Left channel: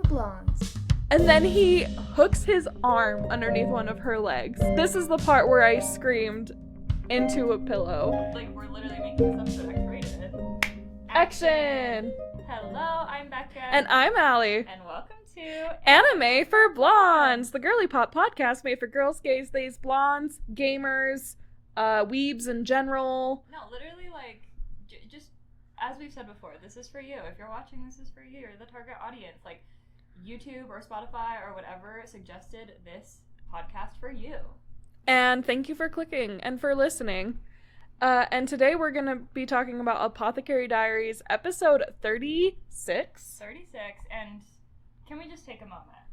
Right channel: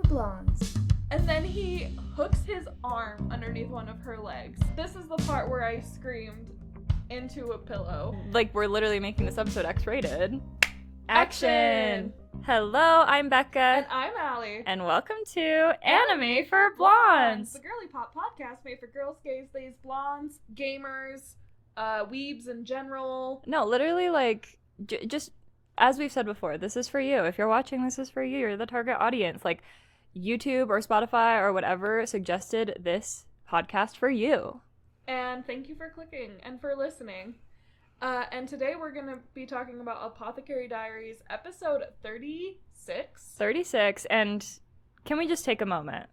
for blondes. And then he hooks his arm underneath one of her legs. This is the part where I screamed into a pillow. Like, we're literally making this episode X-rated. Action! Hello, I'm Becca. And I'm Allie. And welcome to Anime for Blondes, the Girly Pop podcast made for girls, gays, theys, blondes, gamers, weebs in general. No, literally, like, just as we've said before, this is for you. If you're watching, this is for you. You're the target audience. Like, YouTube or Spotify or whatever suggested this podcast for you. And thank you for clicking and for listening. And today we're going to be talking about Apothecary Diaries, episode 36. 36, and can we just take a moment?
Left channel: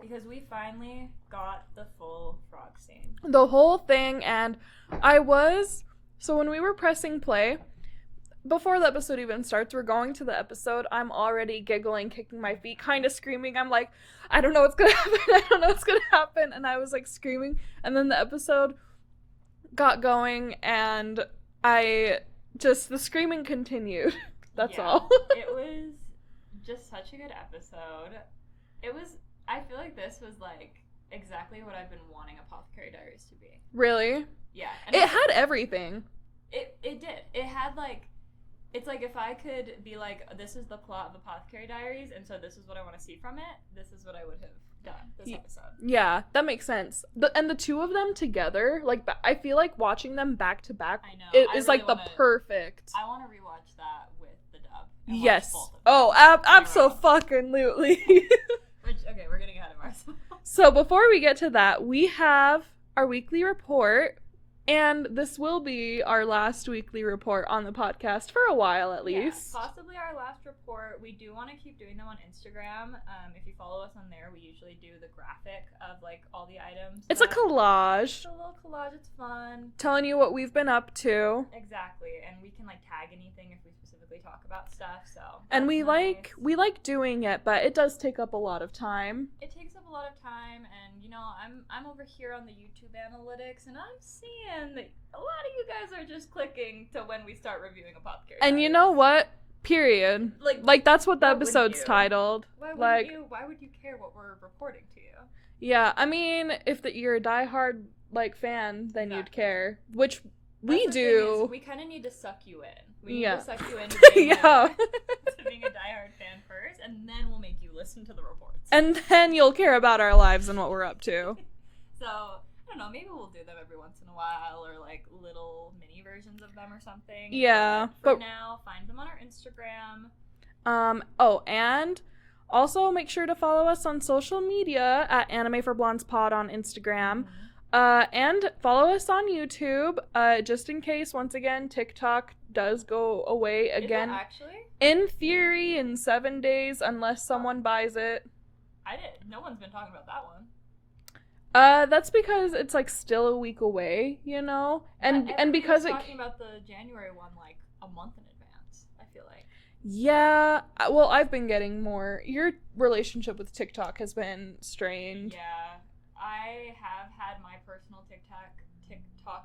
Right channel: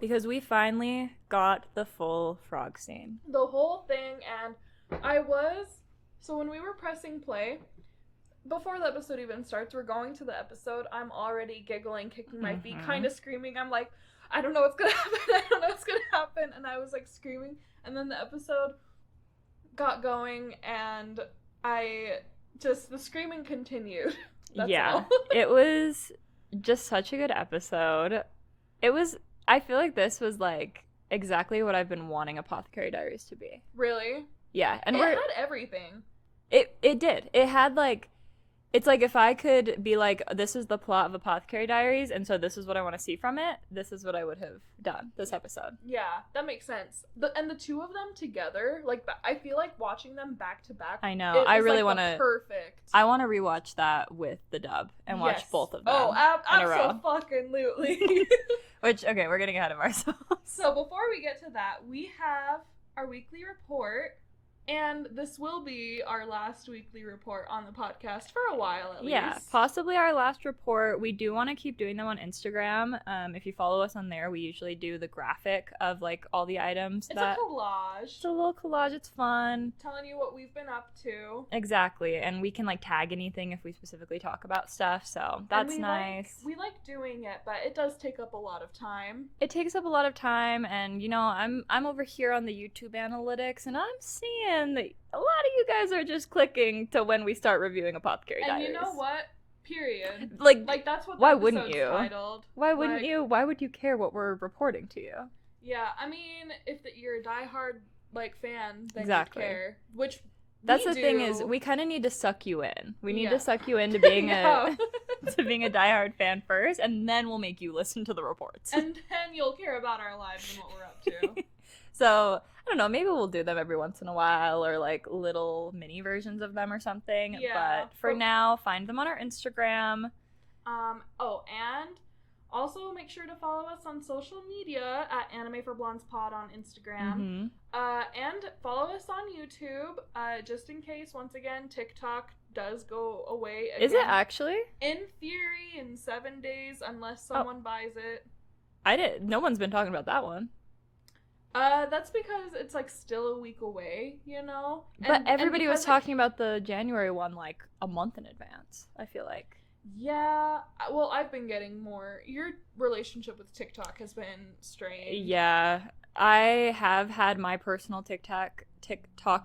Because we finally got the full frog scene. The whole thing, and so when we were pressing play, before the episode even starts, we're going to the episode, I'm already giggling, kicking my feet, kind of screaming. I'm like, I don't know what's gonna happen, I don't know what's gonna happen, and I was like screaming, and then the episode got going, and the screaming continued. That's all. It was just such a good episode. I feel like this was like exactly what I've been wanting Apothecary Diaries to be. Really? Yeah. And it had everything. It did. It had like, it's like if I could be like, this is the plot of Apothecary Diaries, and so this is what I want to see from it, this is what I would have done this episode. Yeah, that makes sense. And the two of them together, like, I feel like watching them back to back. I know. I really like want to. Perfect. I want to rewatch that with the dub and watch both of them. Oh, absolutely. Which, okay, we're getting ahead of ourselves. So before we get to that, we have our weekly report. And this will be our last weekly report on the podcast for a while, at least. Yeah, possibly our last report. We do want to keep doing them on Instagram. If you follow us on there, we usually do the graphic of, like, all the items. It's a collage. It's a little collage. It's fun. Telling you what we've been up to. Exactly. And we can, like, tag anything if we specifically talk about stuff, so that's and we nice. we like doing it, but it does take up a lot of time. It takes up a lot of time, and, you know, I'm over here on the YouTube analytics, and I'm seeing that a lot of you guys are just clicking to when we start reviewing Apothecary Diaries. And you know what? Period. Like that's what the episode's titled. Why wouldn't you? Why would you care what we're reporting to you? Yeah, I mean, if you're a diehard like fan, then you'd care. Which that's we the do. thing is, we kind of need to suck you in. We need to suck you into being to being a diehard fan first, and then we'll make you listen to the reports. And then you'll care about our lives and what we're up to. So I don't know, maybe we'll do them every once in a while, or like little mini versions of them or something. Yeah. But for now, find them on our Instagram. And also make sure to follow us on social media at Anime for Blondes Pod on Instagram. And follow us on YouTube, just in case, once again, TikTok does go away again. Is it actually? In theory, in 7 days, unless someone buys it. No one's been talking about that one. That's because it's like still a week away, you know? And everybody was talking about the January one like a month in advance, I feel like. Yeah, well, I've been getting more. Your relationship with TikTok has been strained. Yeah, I have had my personal TikTok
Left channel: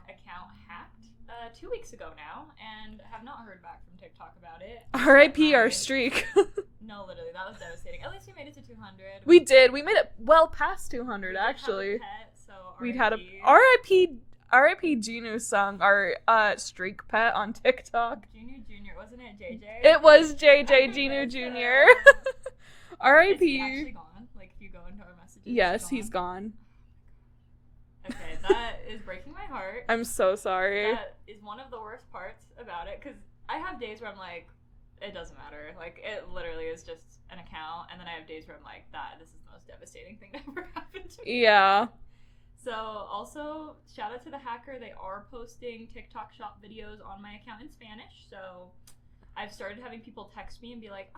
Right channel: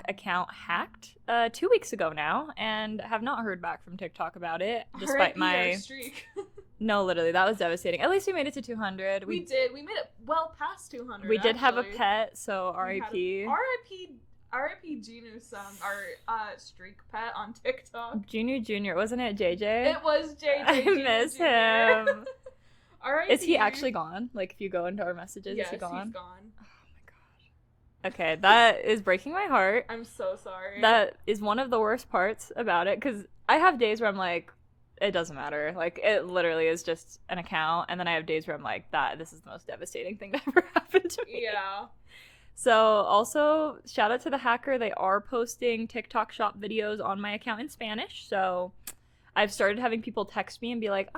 account hacked 2 weeks ago now, and have not heard back from TikTok about it. R.I.P. our streak. No, literally, that was devastating. At least we made it to 200. We did. We made it well past 200. We did have a pet, so R.I.P. R.I.P. Ginu-sung, our streak pet on TikTok. Ginu Jr., wasn't it JJ? It was JJ Ginu Jr. R.I.P. Is he actually gone? Like, if you go into our messages, yes, he's gone. Okay, that is breaking my heart. I'm so sorry. That is one of the worst parts about it, because I have days where I'm like, it doesn't matter. Like, it literally is just an account, and then I have days where I'm like, this is the most devastating thing that ever happened to me. Yeah. So, also, shout out to the hacker. They are posting TikTok shop videos on my account in Spanish, so I've started having people text me and be like,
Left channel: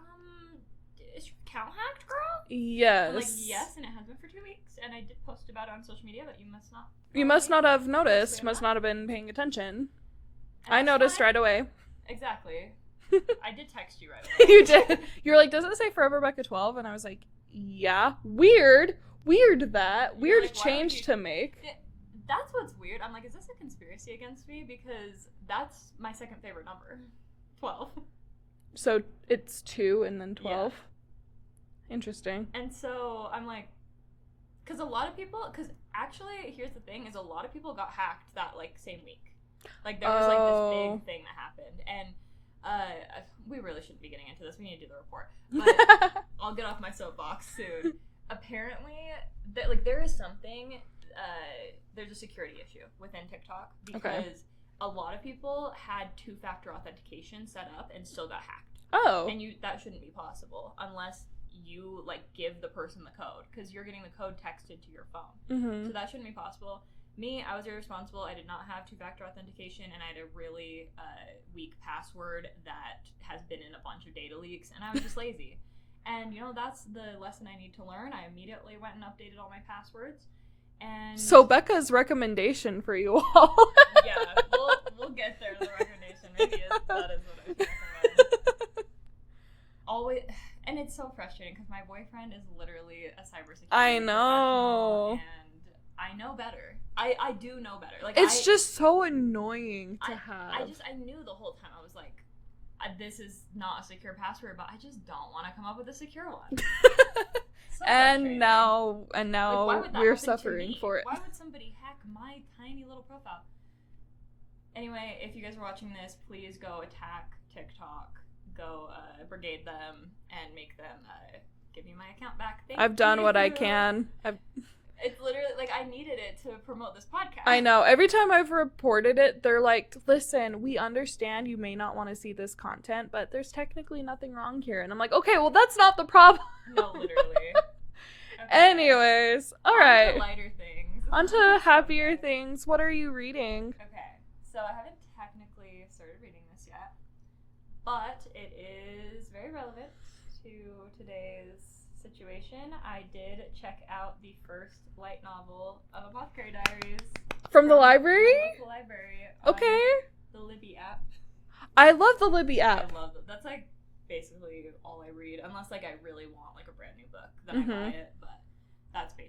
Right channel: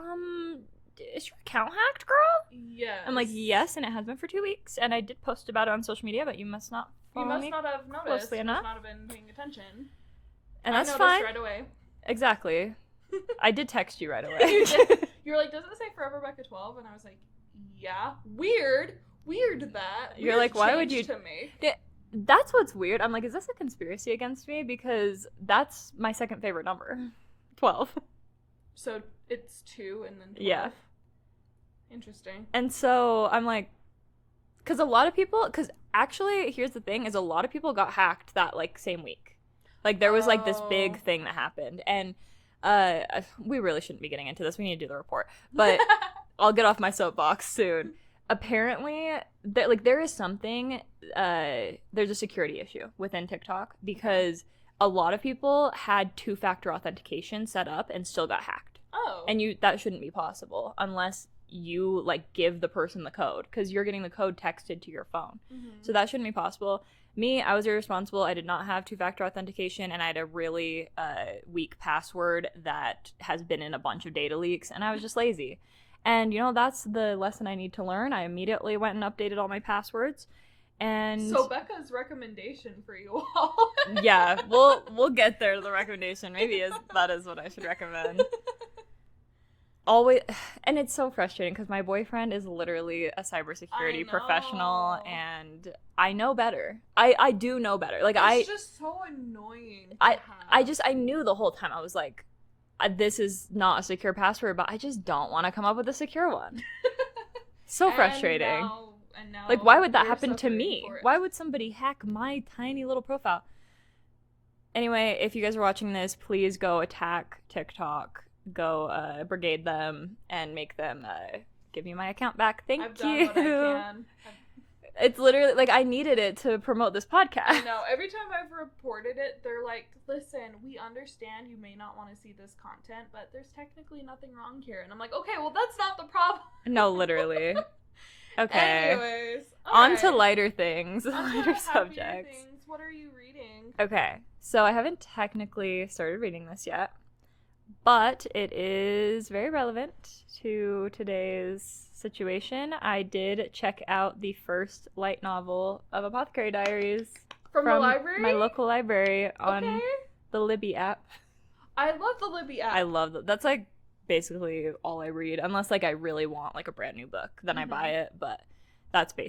is your account hacked, girl? Yes. I'm like, yes, and it has been for 2 weeks, and I did post about it on social media, but you must not have noticed. You must not have been paying attention. And I noticed right away. Exactly. I did text you right away. You did. You were like, does it say Forever Becca 12? And I was like, yeah. Weird that. You're Weird like, why would change you to make. That's what's weird. I'm like, is this a conspiracy against me? Because that's my second favorite number. 12. So it's 2 and then 12. Yeah. Interesting. And so I'm like, because actually, here's the thing, is a lot of people got hacked that, like, same week. Like, there was, like, this big thing that happened. And we really shouldn't be getting into this. We need to do the report. But I'll get off my soapbox soon. Apparently, there is something, there's a security issue within TikTok because a lot of people had 2-factor authentication set up and still got hacked. Oh. And that shouldn't be possible unless you, like, give the person the code, because you're getting the code texted to your phone. Mm-hmm. So that shouldn't be possible. Me, I was irresponsible. I did not have 2-factor authentication, and I had a really weak password that has been in a bunch of data leaks, and I was just lazy. And, you know, that's the lesson I need to learn. I immediately went and updated all my passwords. And so Becca's recommendation for you all. yeah, we'll get there to the recommendation. Maybe that is what I should recommend. Always, and it's so frustrating because my boyfriend is literally a cybersecurity professional, and I know better. I do know better. Like, it's just so annoying. I knew the whole time. I was like, this is not a secure password, but I just don't want to come up with a secure one. So frustrating. And now, like, why would that happen to me? Why would somebody hack my tiny little profile? Anyway, if you guys are watching this, please go attack TikTok. Go brigade them and make them give me my account back. Thank you. I've done what I can. It's literally, like, I needed it to promote this podcast. I know. Every time I've reported it, they're like, listen, we understand you may not want to see this content, but there's technically nothing wrong here. And I'm like, okay, well, that's not the problem. No, literally. Okay. Anyways. On to lighter things. On to happier things. What are you reading? Okay. So I haven't technically started reading this yet, but it is very relevant to today's situation. I did check out the first light novel of Apothecary Diaries from the library, my local library, on the Libby app. I love the Libby app. I love that. That's like basically all I read, unless like I really want like a brand new book, then I buy it. But that's my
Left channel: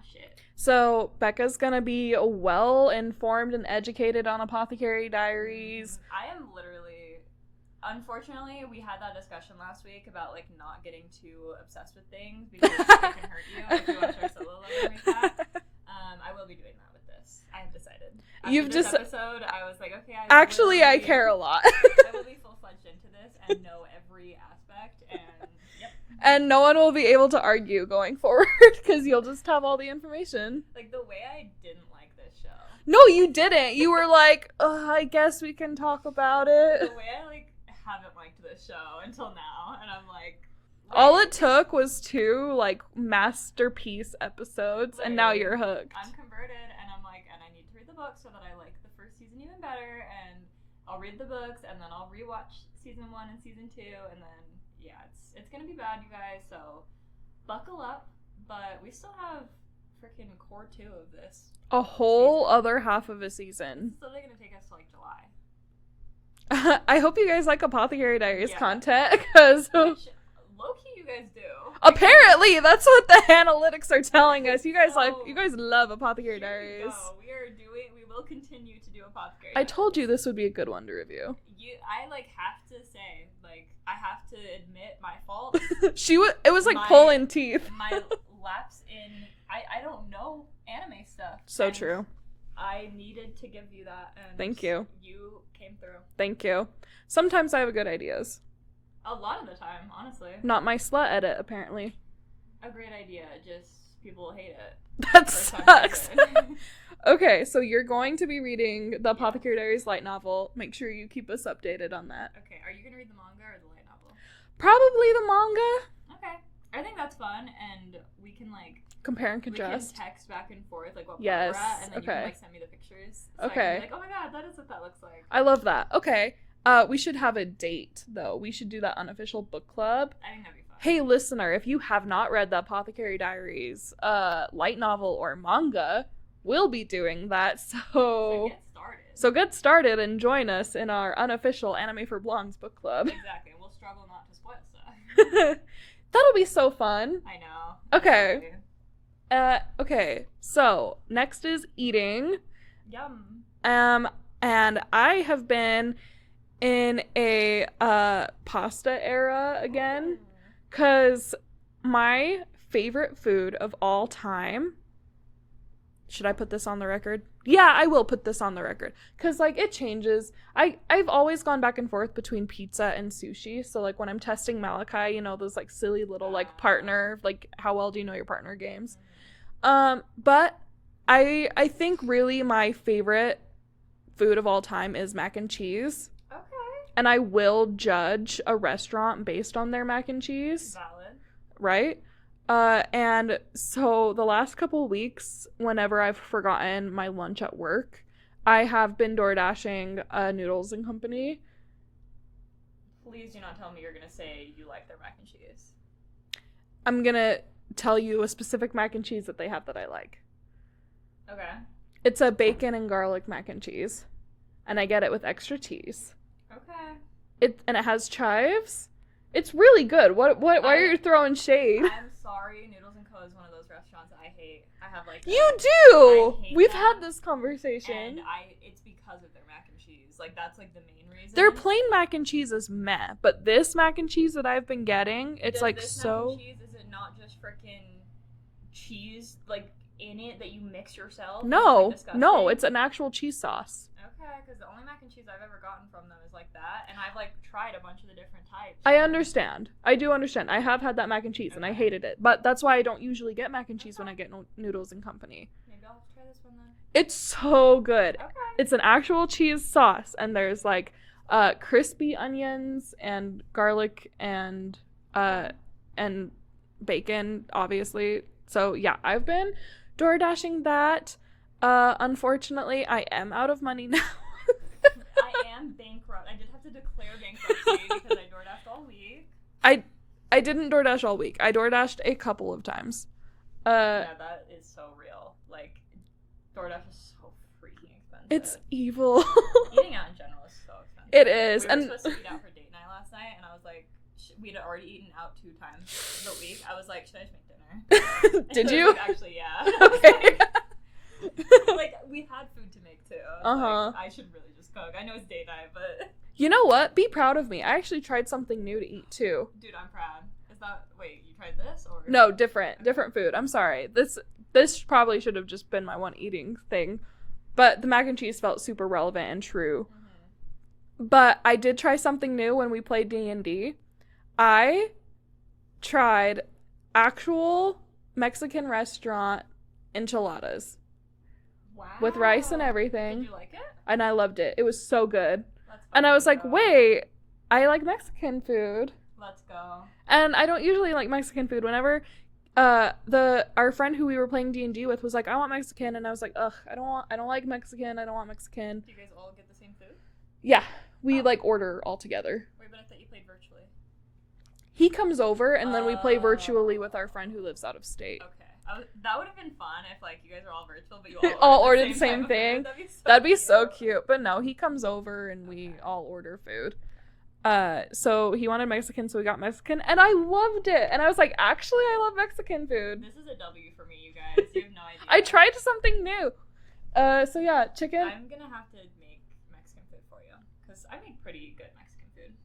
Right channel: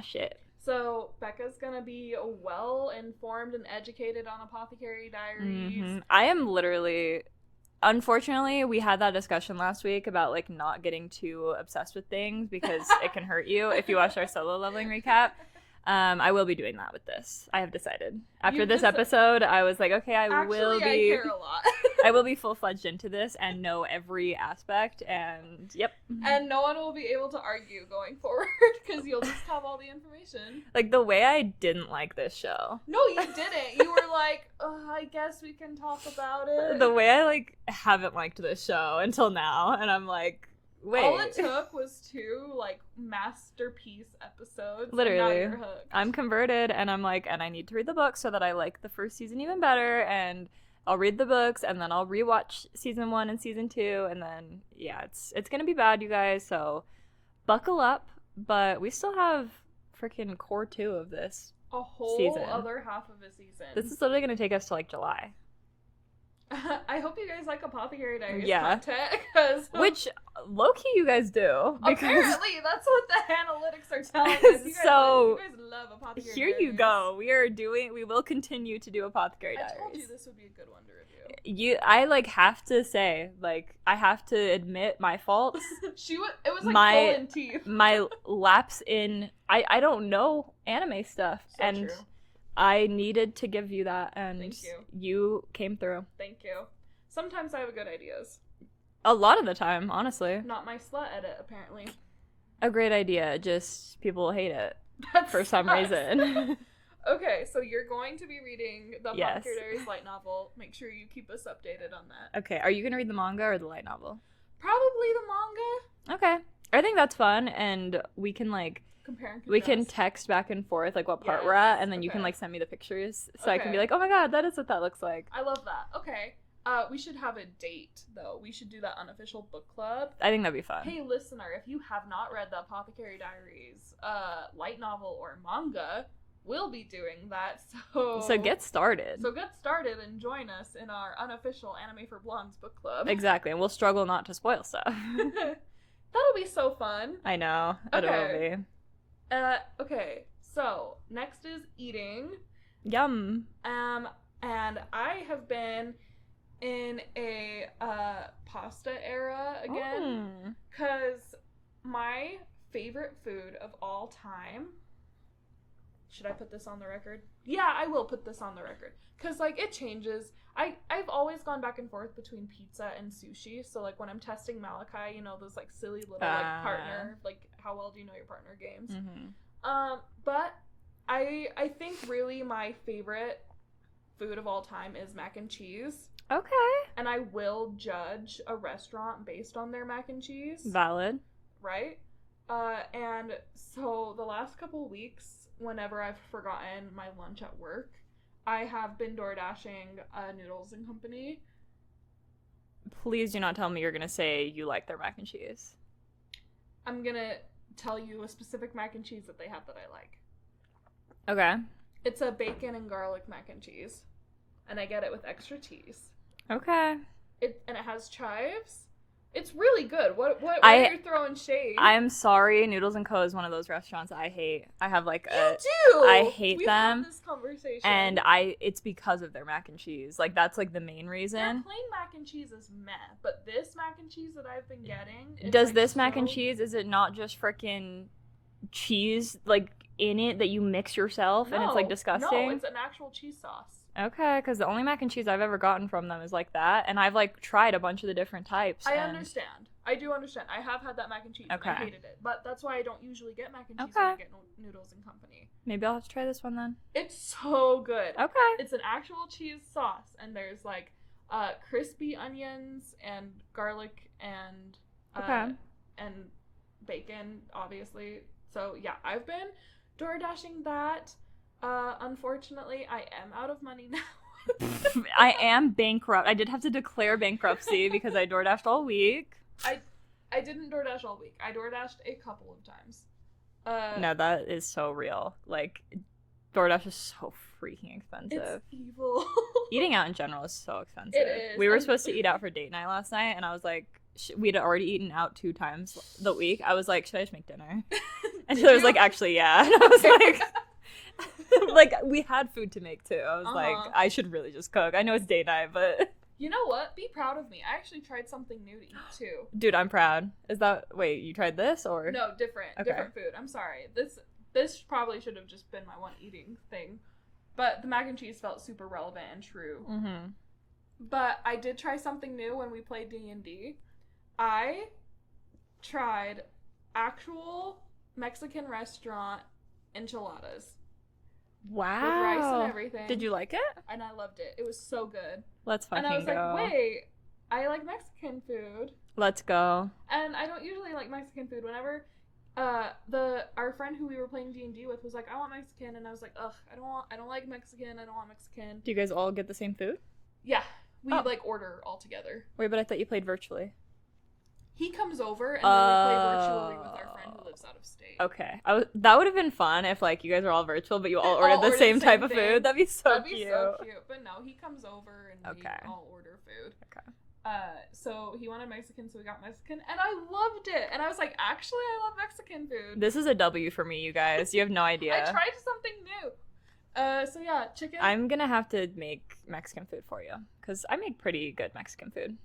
shit. So Becca's gonna be well informed and educated on Apothecary Diaries. I am literally, unfortunately, we had that discussion last week about like not getting too obsessed with things because it can hurt you if you watch our solo leveling recap. I will be doing that with this. I have decided. After this episode, I was like, okay, I care a lot. I will be full-fledged into this and know every aspect, and yep. And no one will be able to argue going forward because you'll just have all the information. Like, the way I didn't like this show. No, you didn't. You were like, I guess we can talk about it. The way I, like, haven't liked this show until now, and I'm like, wait. All it took was 2 like masterpiece episodes. Literally. And now you're hooked. I'm converted, and I'm like, and I need to read the book so that I like the first season even better, and I'll read the books, and then I'll rewatch season 1 and season 2, and then yeah, it's gonna be bad, you guys, so buckle up. But we still have freaking core 2 of this, a whole other half of a season. This is literally gonna take us to like July. I hope you guys like Apothecary Diaries content, because which low-key you guys do. Apparently, that's what the analytics are telling us. You guys love Apothecary Diaries. Here you go. We will continue to do Apothecary Diaries. I told you this would be a good one to review. I like have to say, like, I have to admit my fault. It was like pulling teeth. My lapse in, I don't know anime stuff. So true. I needed to give you that, and thank you. You came through. Thank you. Sometimes I have good ideas. A lot of the time, honestly. Not my slut edit, apparently. A great idea, just people hate it. That for sucks. Some reason. Okay, so you're going to be reading the Apothecary Diaries light novel. Make sure you keep us updated on that. Okay, are you going to read the manga or the light novel? Probably the manga. Okay. I think that's fun, and we can, like, compare and contrast. We can text back and forth, like, what part we're at, and then you can, like, send me the pictures, so I can be like, oh my god, that is what that looks like. I love that. Okay. We should have a date, though. We should do that unofficial book club. I think that'd be fun. Hey, listener, if you have not read the Apothecary Diaries light novel or manga, we'll be doing that, So get started. So get started and join us in our unofficial Anime for Blondes book club. Exactly, and we'll struggle not to spoil stuff. That'll be so fun. I know. Okay. Okay. So next is eating. Yum. And I have been in a pasta era again, because my favorite food of all time. Should I put this on the record? Yeah, I will put this on the record, because like it changes. I've always gone back and forth between pizza and sushi. So like when I'm testing Malachi, you know, those like silly little like partner, like how well do you know your partner games. But I think really my favorite food of all time is mac and cheese. Okay. And I will judge a restaurant based on their mac and cheese. Valid. Right? And so the last couple weeks, whenever I've forgotten my lunch at work, I have been door dashing Noodles and Company. Please do not tell me you're gonna say you like their mac and cheese. I'm gonna tell you a specific mac and cheese that they have that I like. Okay. It's a bacon and garlic mac and cheese, and I get it with extra cheese. Okay. It has chives. It's really good. Why are you throwing shade? I'm sorry, Noodles and Co. is one of those restaurants I hate. I have like You do! I hate We've them. had this conversation. And it's because of their mac and cheese. Like, that's like the main reason. Their plain mac and cheese is meh, but this mac and cheese that I've been getting, it's Does like this mac and cheese, is it not just freaking cheese, like, in it that you mix yourself? No, and it's, like, disgusting? No, it's an actual cheese sauce. Okay, because the only mac and cheese I've ever gotten from them is like that, and I've like tried a bunch of the different types. I understand. I do understand. I have had that mac and cheese, and I hated it. But that's why I don't usually get mac and cheese when I get Noodles and Company. Maybe I'll have to try this one then. It's so good. Okay. It's an actual cheese sauce, and there's like crispy onions and garlic and and bacon, obviously. So yeah, I've been door dashing that. Unfortunately, I am out of money now. I am bankrupt. I did have to declare bankruptcy because I door dashed all week. I didn't DoorDash all week. I DoorDashed a couple of times. No, that is so real. Like, DoorDash is so freaking expensive. It's evil. Eating out in general is so expensive. It is. We were supposed to eat out for date night last night, and I was like, we'd already eaten out 2 times the week. I was like, should I just make dinner? And Did she was you? like, actually, yeah. And I was like, like, we had food to make too. I was like, I should really just cook. I know it's date night, but you know what? Be proud of me. I actually tried something new to eat too. Dude, I'm proud. Is that wait? You tried this or no? Different food. I'm sorry. This probably should have just been my one eating thing, but the mac and cheese felt super relevant and true. But I did try something new when we played D&D. I tried actual Mexican restaurant enchiladas. Wow. With rice and everything. Did you like it? And I loved it. It was so good. Let's fucking And I was like, go. wait, I like Mexican food. Let's go. And I don't usually like Mexican food. Whenever our friend who we were playing D&D with was like, I want Mexican, and I was like, ugh, I don't like Mexican. I don't want Mexican. Do you guys all get the same food? Yeah. We like order all together. Wait, but I thought you played virtually. He comes over, and then we play virtually with our friend who lives out of state. Okay. That would have been fun if, like, you guys were all virtual, but you all ordered the same type of food. That'd be so cute. But no, he comes over, and we all order food. Okay. So he wanted Mexican, so we got Mexican, and I loved it. And I was like, actually, I love Mexican food. This is a W for me, you guys. You have no idea. I tried something new. So yeah, chicken. I'm gonna have to make Mexican food for you, because I make pretty good Mexican food.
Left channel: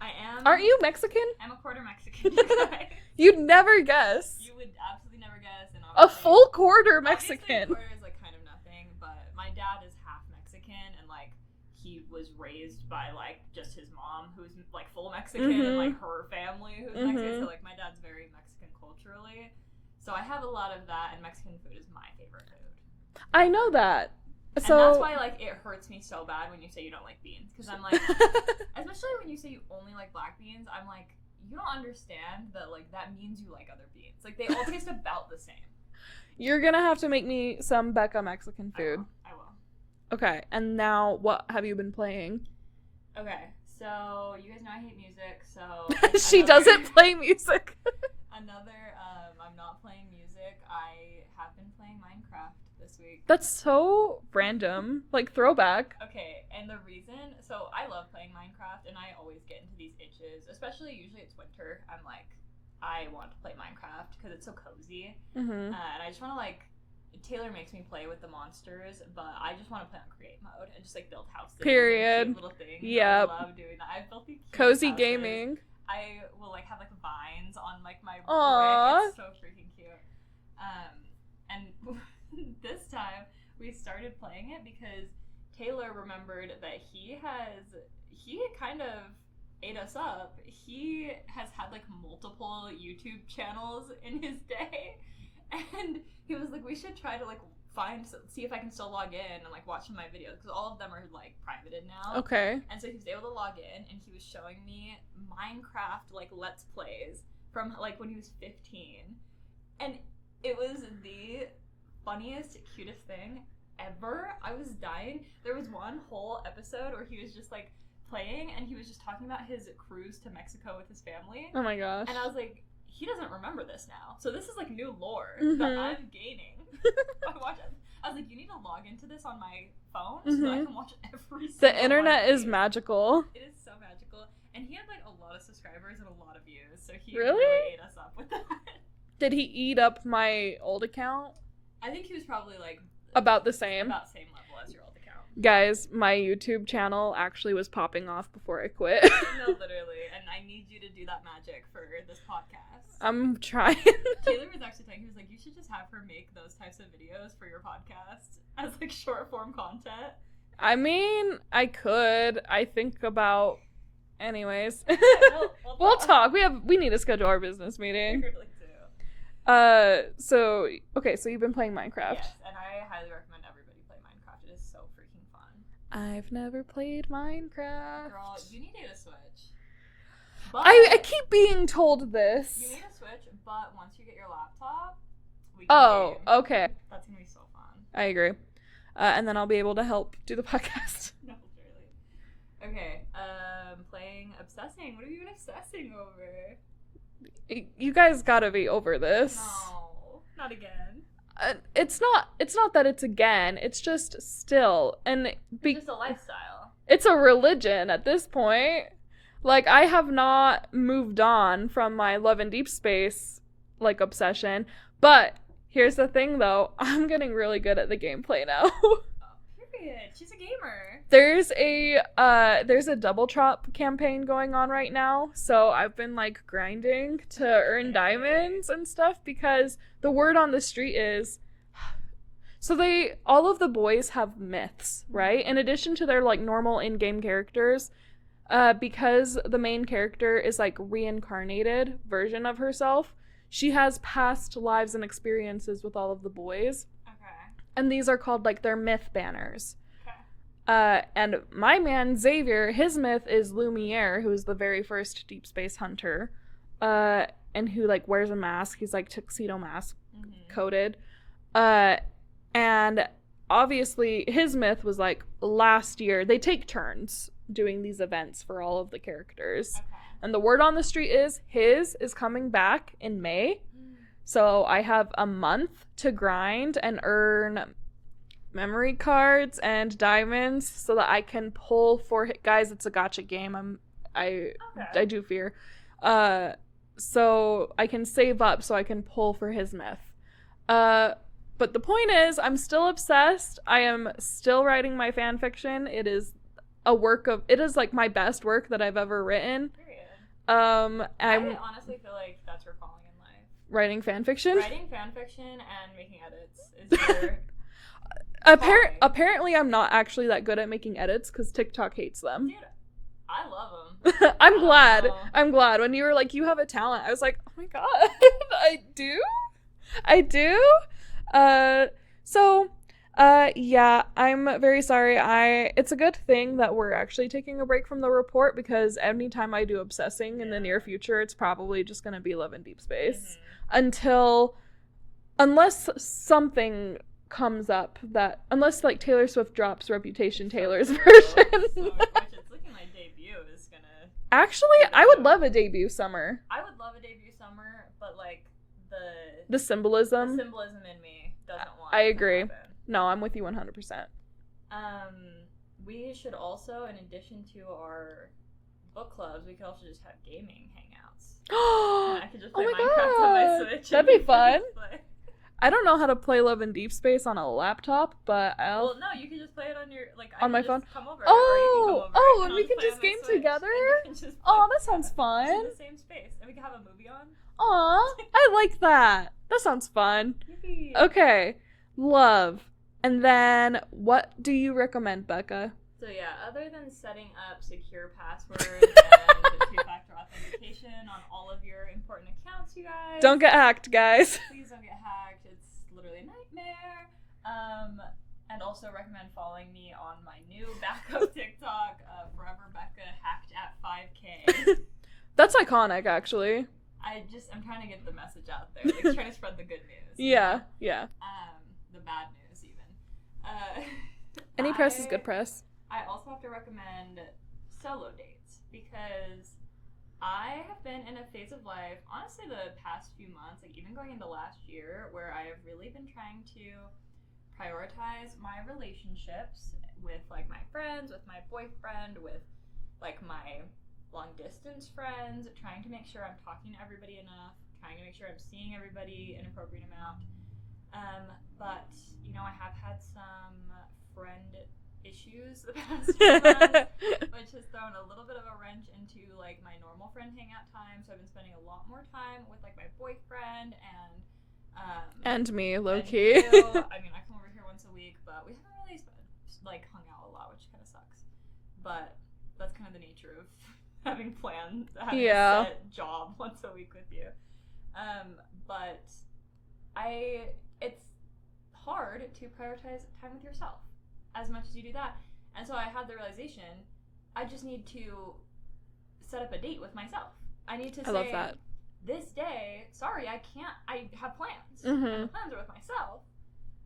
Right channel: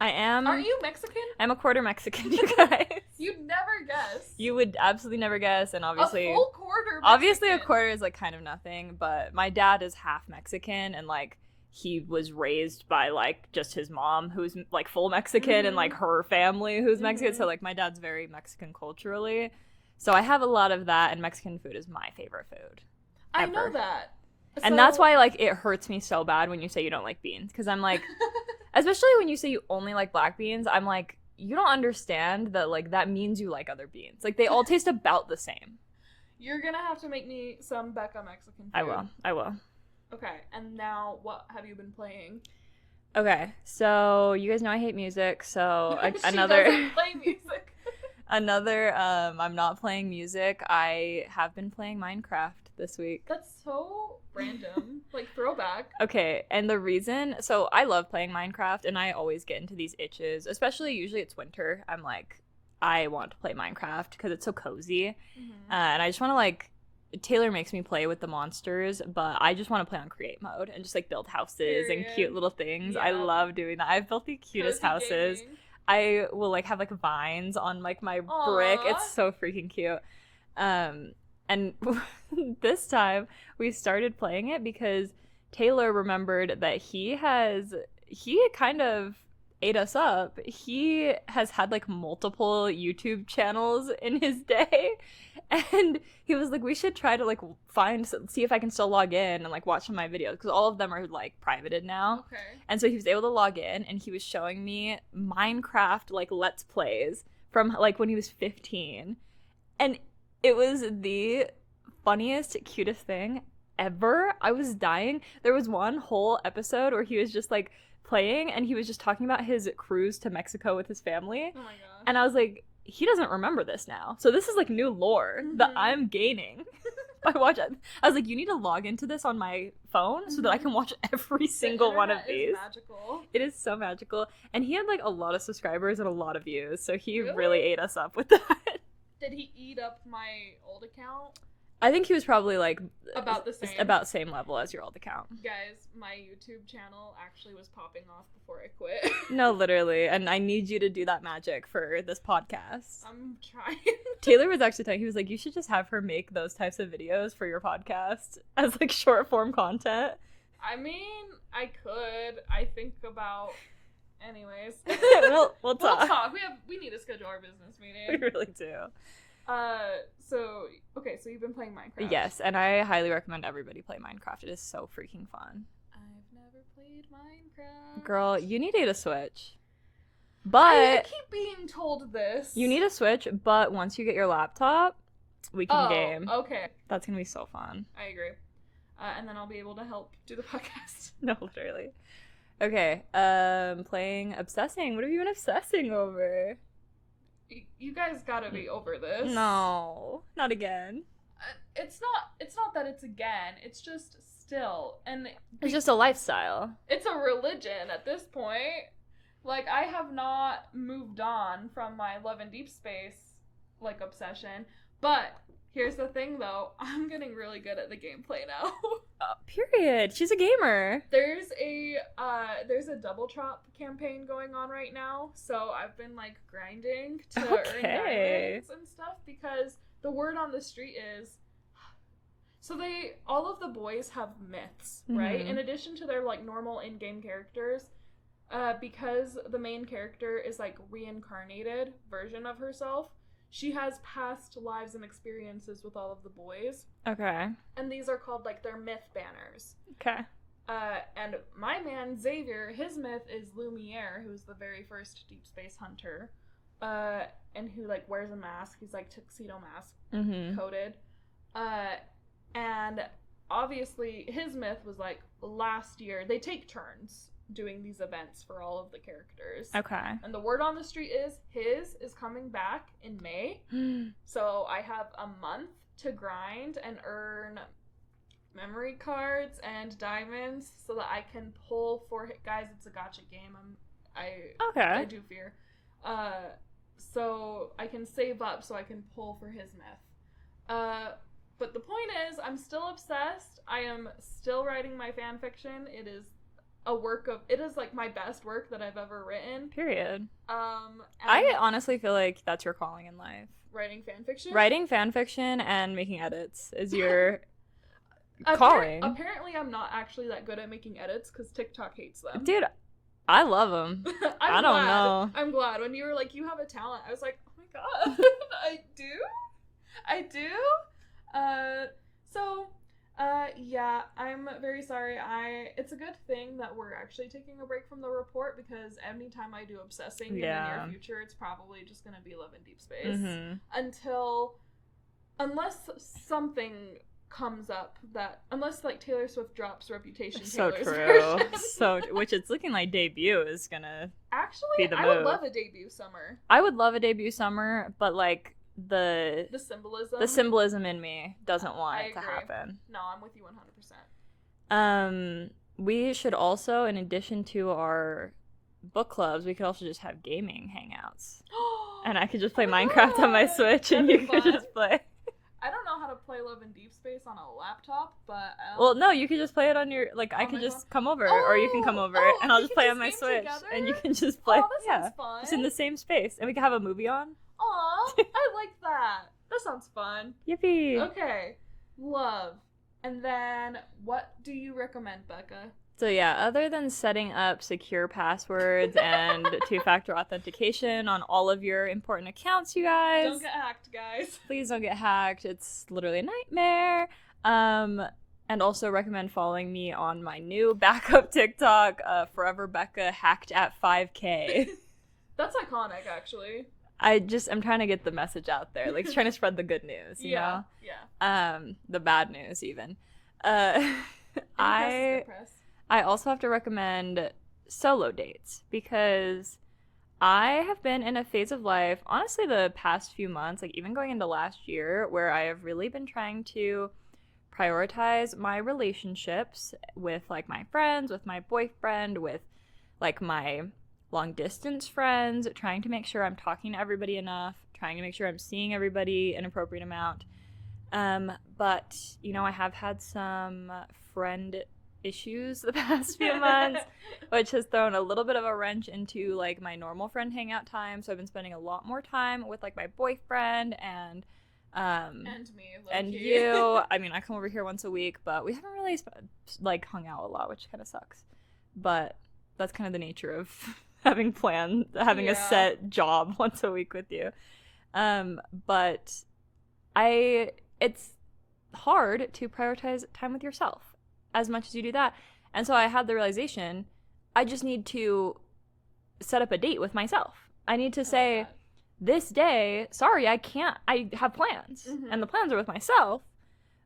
I am. Aren't you Mexican? I'm a quarter Mexican, you guys. You'd never guess. You would absolutely never guess, and obviously a full quarter Mexican. Obviously, a quarter is like kind of nothing, but my dad is half Mexican, and like he was raised by like just his mom, who's like full Mexican, and like her family, who's Mexican. So like my dad's very Mexican culturally. So I have a lot of that, and Mexican food is my favorite food. I know that. And that's why, like, it hurts me so bad when you say you don't like beans. Because I'm like, especially when you say you only like black beans, I'm like, you don't understand that, like, that means you like other beans. Like, they all taste about the same. You're gonna have to make me some Becca Mexican food. I will. Okay, and now what have you been playing? Okay, so you guys know I hate music, so... She doesn't play music. I'm not playing music. I have been playing Minecraft this week. That's so random. Like, throwback. Okay, and the reason... So, I love playing Minecraft, and I always get into these itches. Especially, usually it's winter. I'm like... I want to play Minecraft because it's so cozy. Mm-hmm. And I just want to, like, Taylor makes me play with the monsters, but I just want to play on create mode and just, like, build houses and cute little things. Yep. I love doing that. I've built the cutest Cozy houses. gaming. I will, like, have, like, vines on, like, my Aww. brick. It's so freaking cute. And this time we started playing it because Taylor remembered that he kind of ate us up. He has had, like, multiple YouTube channels in his day, and he was like, we should try to, like, see if I can still log in and, like, watch some of my videos, because all of them are, like, privated now. Okay. And so he was able to log in, and he was showing me Minecraft, like, Let's Plays from, like, when he was 15. And it was the funniest, cutest thing ever. I was dying. There was one whole episode where he was just, like, playing, and he was just talking about his cruise to Mexico with his family. Oh my gosh. And I was like, he doesn't remember this now. So this is, like, new lore that I'm gaining by watching. I was like, you need to log into this on my phone so that I can watch every single one. The internet of is these. magical. It is so magical. And he had, like, a lot of subscribers and a lot of views, so he Really? really ate us up with that. Did he eat up my old account? I think he was probably, like, About the same. About same level as your old account. Guys, my YouTube channel actually was popping off before I quit. No, literally. And I need you to do that magic for this podcast. I'm trying. Taylor was actually telling, he was like, you should just have her make those types of videos for your podcast as, like, short form content. I mean, I could. I think about... Anyways. We'll talk. We need to schedule our business We meeting. really do. So you've been playing Minecraft. Yes, and I highly recommend everybody play Minecraft. It is so freaking fun. I've never played Minecraft. Girl, you need a Switch. But I keep being told this. you need a Switch, but once you get your laptop, we can game. Okay. That's gonna be so fun. I agree. And then I'll be able to help do the podcast. No, literally. Okay, playing Obsessing. What have you been obsessing over? You guys gotta be over this. No, not again. It's not that it's again. It's just still, and It's just a lifestyle. it's a religion at this point. Like, I have not moved on from my Love and Deep Space, like, obsession. But here's the thing, though. I'm getting really good at the gameplay now. Period. She's a gamer. There's a double drop campaign going on right now, so I've been, like, grinding to earn diamonds and stuff, because the word on the street is, so all of the boys have myths, right? In addition to their, like, normal in-game characters, because the main character is, like, reincarnated version of herself, she has past lives and experiences with all of the boys. Okay. And these are called, like, their myth banners. Okay. And my man, Xavier, his myth is Lumiere, who's the very first Deep Space Hunter, and who, like, wears a mask. He's, like, tuxedo mask coated. And obviously his myth was, like, last year. They take turns doing these events for all of the characters. Okay. And the word on the street is his is coming back in May. So I have a month to grind and earn memory cards and diamonds so that I can pull for guys. It's a gacha game. I do fear. So I can save up so I can pull for his myth. But the point is, I'm still obsessed. I am still writing my fan fiction. It is like my best work that I've ever written. Period. And I honestly feel like that's your calling in life. Writing fan fiction? Writing fan fiction and making edits is your Apparently I'm not actually that good at making edits because TikTok hates them. Dude, I love them. I'm glad. When you were like, you have a talent, I was like, oh my god. I do? Yeah, I'm very sorry. It's a good thing that we're actually taking a break from the report, because anytime I do obsessing in the near future, it's probably just gonna be Love and Deep Space. Unless something comes up unless like Taylor Swift drops Reputation Taylor's version. Which it's looking like debut is gonna actually, I would love a debut summer. I would love a debut summer, but like the symbolism in me doesn't want it to happen. No, I'm with you 100%. We should also, in addition to our book clubs, we could also just have gaming hangouts. And And I could just play Minecraft on my Switch, and you could just play. I don't know how to play Love in Deep Space on a laptop, but Well, no, you could just play it on your, like, I on can my just phone? come over, or you can come over, and I'll we just can play on my game Switch, together? and you can just play. Oh, that sounds fun. Just in the same space, and we could have a movie on. Aw, I like that. That sounds fun. Yippee! Okay, love. And then, what do you recommend, Becca? So yeah, other than setting up secure passwords and two-factor authentication on all of your important accounts, you guys. Don't get hacked, guys. Please don't get hacked. It's literally a nightmare. And also recommend following me on my new backup TikTok, Forever Becca Hacked at 5K. That's iconic, actually. I'm trying to get the message out there, like trying to spread the good news. You know? The bad news even. Any press is good press. I also have to recommend solo dates because I have been in a phase of life, honestly, the past few months, like even going into last year, where I have really been trying to prioritize my relationships with like my friends, with my boyfriend, with like my long distance friends, trying to make sure I'm talking to everybody enough, trying to make sure I'm seeing everybody an appropriate amount. But, you know, I have had some friend issues the past few months, which has thrown a little bit of a wrench into like my normal friend hangout time. So I've been spending a lot more time with like my boyfriend and me, low and key. you. I mean, I come over here once a week, but we haven't really like hung out a lot, which kind of sucks. But that's kind of the nature of having a set job once a week with you. But it's hard to prioritize time with yourself as much as you do that. And so I had the realization, I just need to set up a date with myself. I need to say, this day, sorry, I can't, I have plans. Mm-hmm. And the plans are with myself.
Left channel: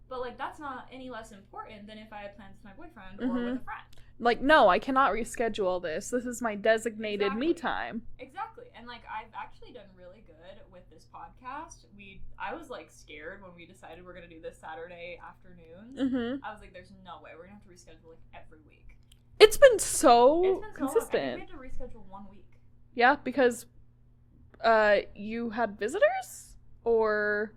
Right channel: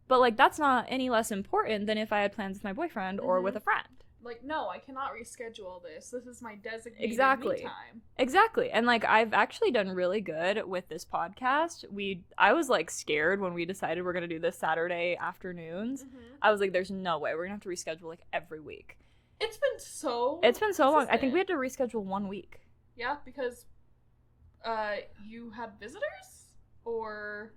But, like, that's not any less important than if I had plans with my boyfriend or with a friend. Like, no, I cannot reschedule this. This is my designated me time. Exactly. And, like, I've actually done really good with this podcast. I was, like, scared when we decided we're going to do this Saturday afternoons. Mm-hmm. I was like, there's no way. We're going to have to reschedule, like, every week. It's been so long. I think we had to reschedule 1 week. Yeah, because you had visitors? Or...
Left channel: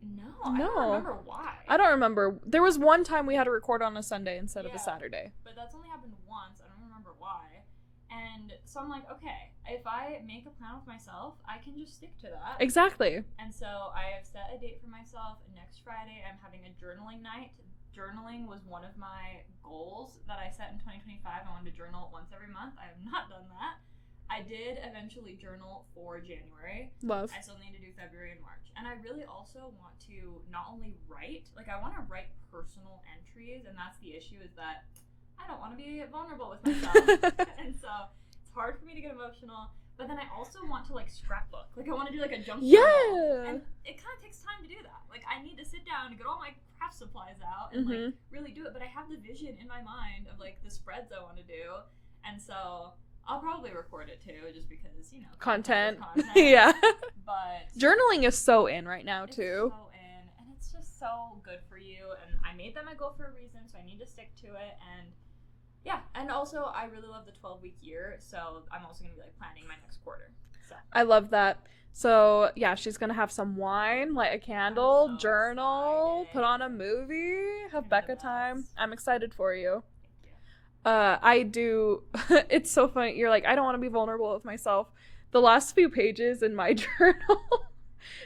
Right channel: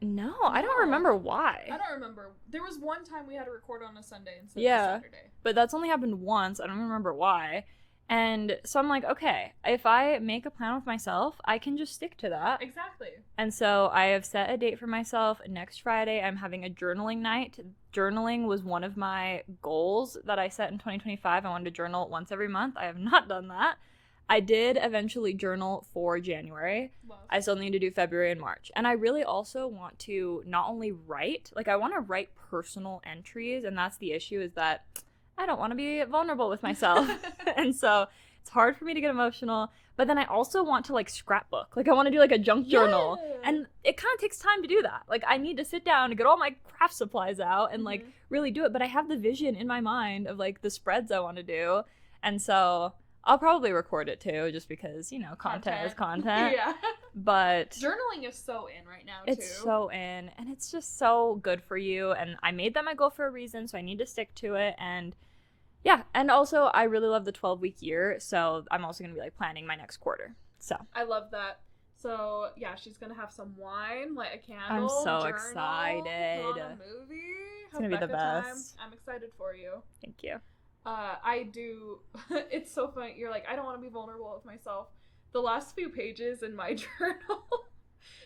No, I don't remember why. I don't remember. There was one time we had to record on a Sunday instead of a Saturday. But that's only happened once. I don't remember why. And so I'm like, okay, if I make a plan with myself, I can just stick to that. Exactly. And so I have set a date for myself. Next Friday, I'm having a journaling night. Journaling was one of my goals that I set in 2025. I wanted to journal once every month. I have not done that. I did eventually journal for January. Love. I still need to do February and March. And I really also want to not only write, like I want to write personal entries. And that's the issue, is that I don't want to be vulnerable with myself. And so it's hard for me to get emotional. But then I also want to like scrapbook. Like I want to do like a junk journal. And it kind of takes time to do that. Like I need to sit down and get all my craft supplies out and like really do it. But I have the vision in my mind of like the spreads I want to do. And so I'll probably record it too, just because, you know, content is content. Yeah. But journaling is so in right now, too. It's so in, and it's just so good for you. And I made that my goal for a reason, so I need to stick to it. And yeah, and also I really love the 12-week year, so I'm also going to be like planning my next quarter. So I love that. So yeah, she's going to have some wine, light a candle, I'm so journal, excited. Put on a movie, have Becca time. I'm excited for you. Thank you. I do. It's so funny. You're like, I don't want to be vulnerable with myself. The last few pages in my journal,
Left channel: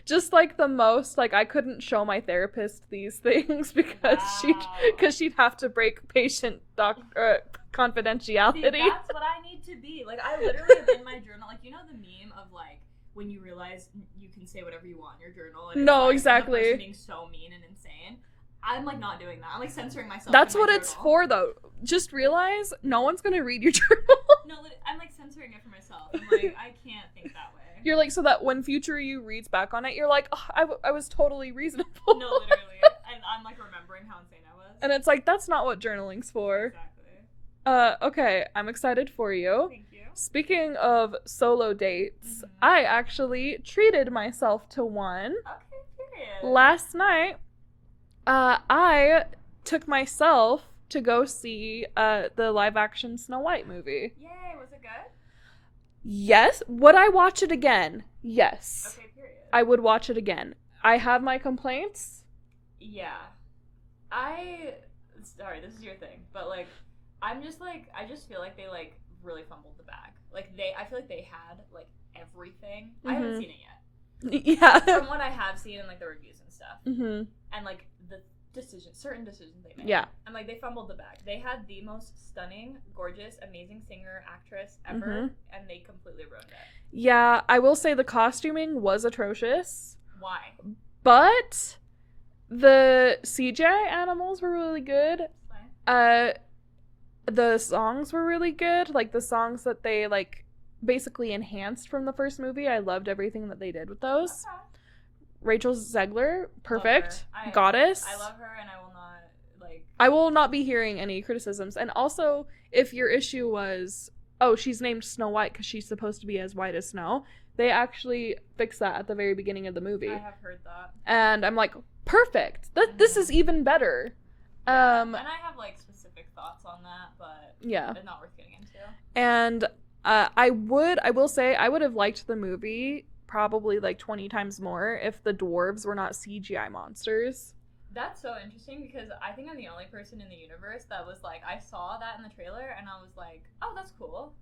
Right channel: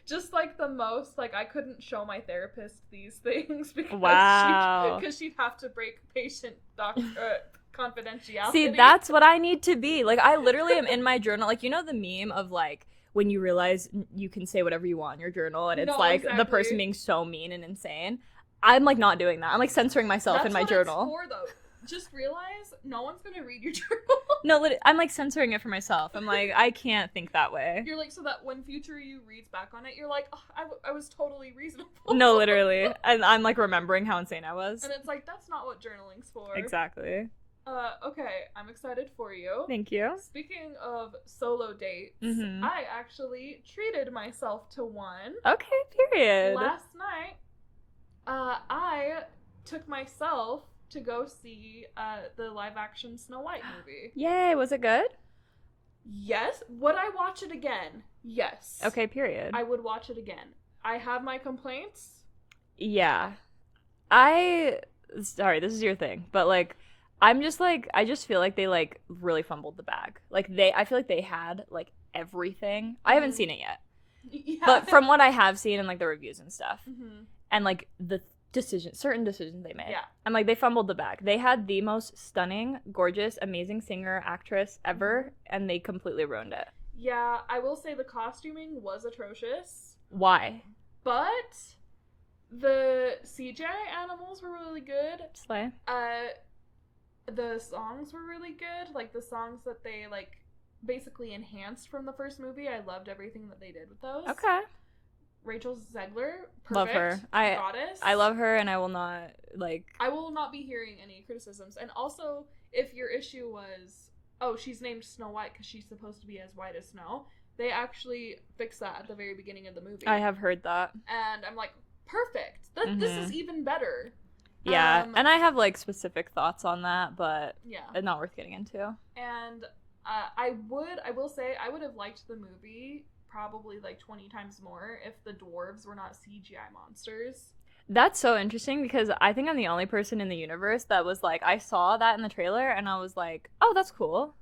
just like the most, like I couldn't show my therapist these things because she'd have to break patient confidentiality. See, that's what I need to be. Like I literally am in my journal. Like, you know the meme of like when you realize you can say whatever you want in your journal, and it's the person being so mean and insane. I'm like not doing that. I'm like censoring myself in my journal. That's what it's for, though. Just realize no one's gonna read your journal. No, I'm like censoring it for myself. I'm like, I can't think that way. You're like, so that when future you reads back on it, you're like, oh, I was totally reasonable. No, literally. And I'm like remembering how insane I was. And it's like, that's not what journaling's for. Exactly. Okay, I'm excited for you. Thank you. Speaking of solo dates, I actually treated myself to one. Okay, period. Last night, I took myself to go see the live action Snow White movie. Yay, was it good? Yes. Would I watch it again? Yes. Okay, period. I would watch it again. I have my complaints. Yeah. Sorry, this is your thing, but like, I just feel like they like really fumbled the bag. Like I feel like they had like everything. Mm-hmm. I haven't seen it yet. Yeah. From what I have seen in like the reviews and stuff, and like the certain decisions they made. Yeah. And like they fumbled the bag. They had the most stunning, gorgeous, amazing singer, actress ever, and they completely ruined it. Yeah, I will say the costuming was atrocious. Why? But the CGI animals were really good. Slay. The songs were really good. Like the songs that they like basically enhanced from the first movie. I loved everything that they did with those. Okay. Rachel Zegler, Love perfect. her. Goddess. I love her, and I will not be hearing any criticisms. And also, if your issue was, oh, she's named Snow White because she's supposed to be as white as snow, they actually fixed that at the very beginning of the movie. I have heard that. And I'm like, perfect. This is even better. Yeah, and I have like specific thoughts on that, but yeah, not worth getting into. And I will say I would have liked the movie probably like 20 times more if the dwarves were not CGI monsters. That's so interesting because I think I'm the only person in the universe that was like, I saw that in the trailer and I was like, oh, that's cool.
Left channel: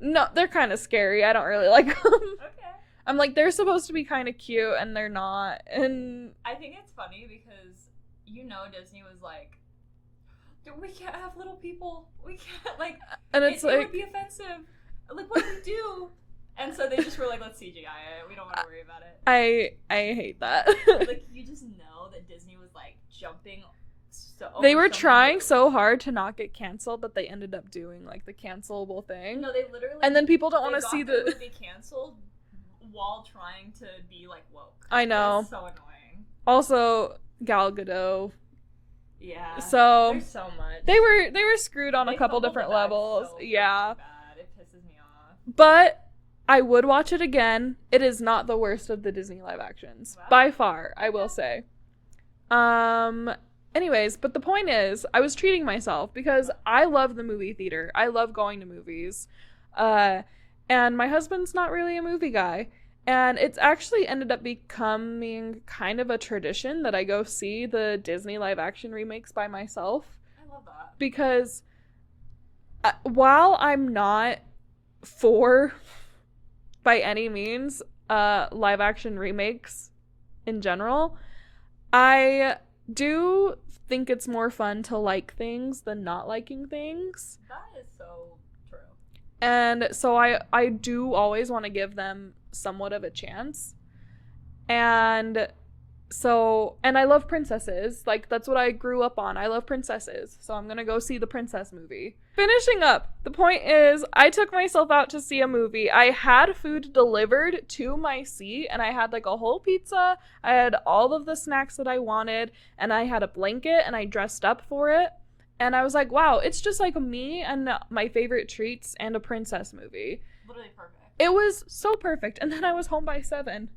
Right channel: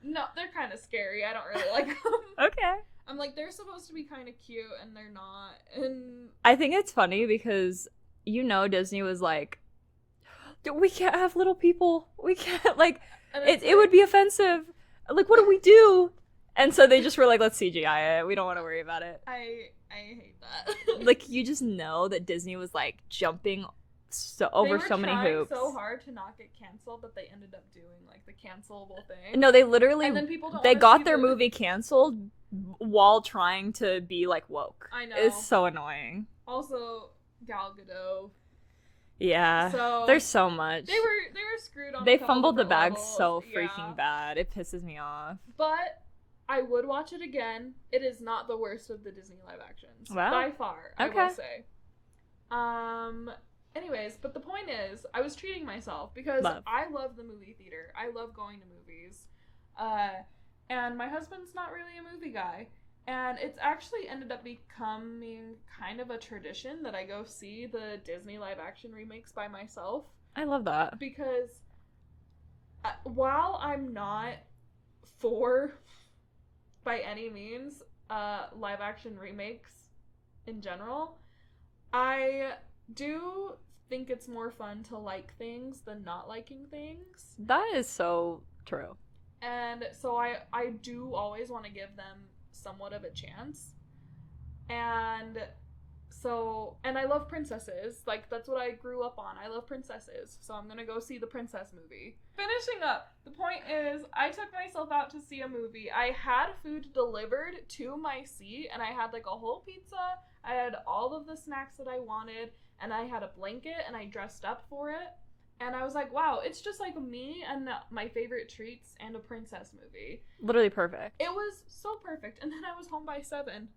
No, they're kind of scary. I don't really like them. Okay. I'm like, they're supposed to be kind of cute and they're not. And I think it's funny because, Disney was like, we can't have little people. We can't, like, and it would be offensive. Like, what do we do? And so they just were like, let's CGI it. We don't want to worry about it. I hate that. Like, you just know that Disney was, like, jumping over they were so trying so hard to not get canceled that they ended up doing, like, the cancelable thing. No, they literally... And then people don't They got their movie canceled while trying to be, like, woke. I know. It's so annoying. Also, Gal Gadot. Yeah. So there's so much. They were screwed on a couple different levels. So freaking bad. It pisses me off. But I would watch it again. It is not the worst of the Disney live actions. Wow. By far, okay. I will say. Anyways, but the point is, I was treating myself because I love the movie theater. I love going to movies. And my husband's not really a movie guy. And it's actually ended up becoming kind of a tradition that I go see the Disney live action remakes by myself. I love that. Because while I'm not for, by any means, live action remakes in general, I do think it's more fun to like things than not liking things. That is so true. And so I do always want to give them somewhat of a chance. And I love princesses. Like, that's what I grew up on. I love princesses. So I'm gonna go see the princess movie. Finishing up, the point is, I took myself out to see a movie. I had food delivered to my seat, and I had like a whole pizza. I had all of the snacks that I wanted, and I had a blanket, and I dressed up for it. And I was like, wow, it's just like me and my favorite treats and a princess movie. Literally perfect. It was so perfect. And then I was home by 7.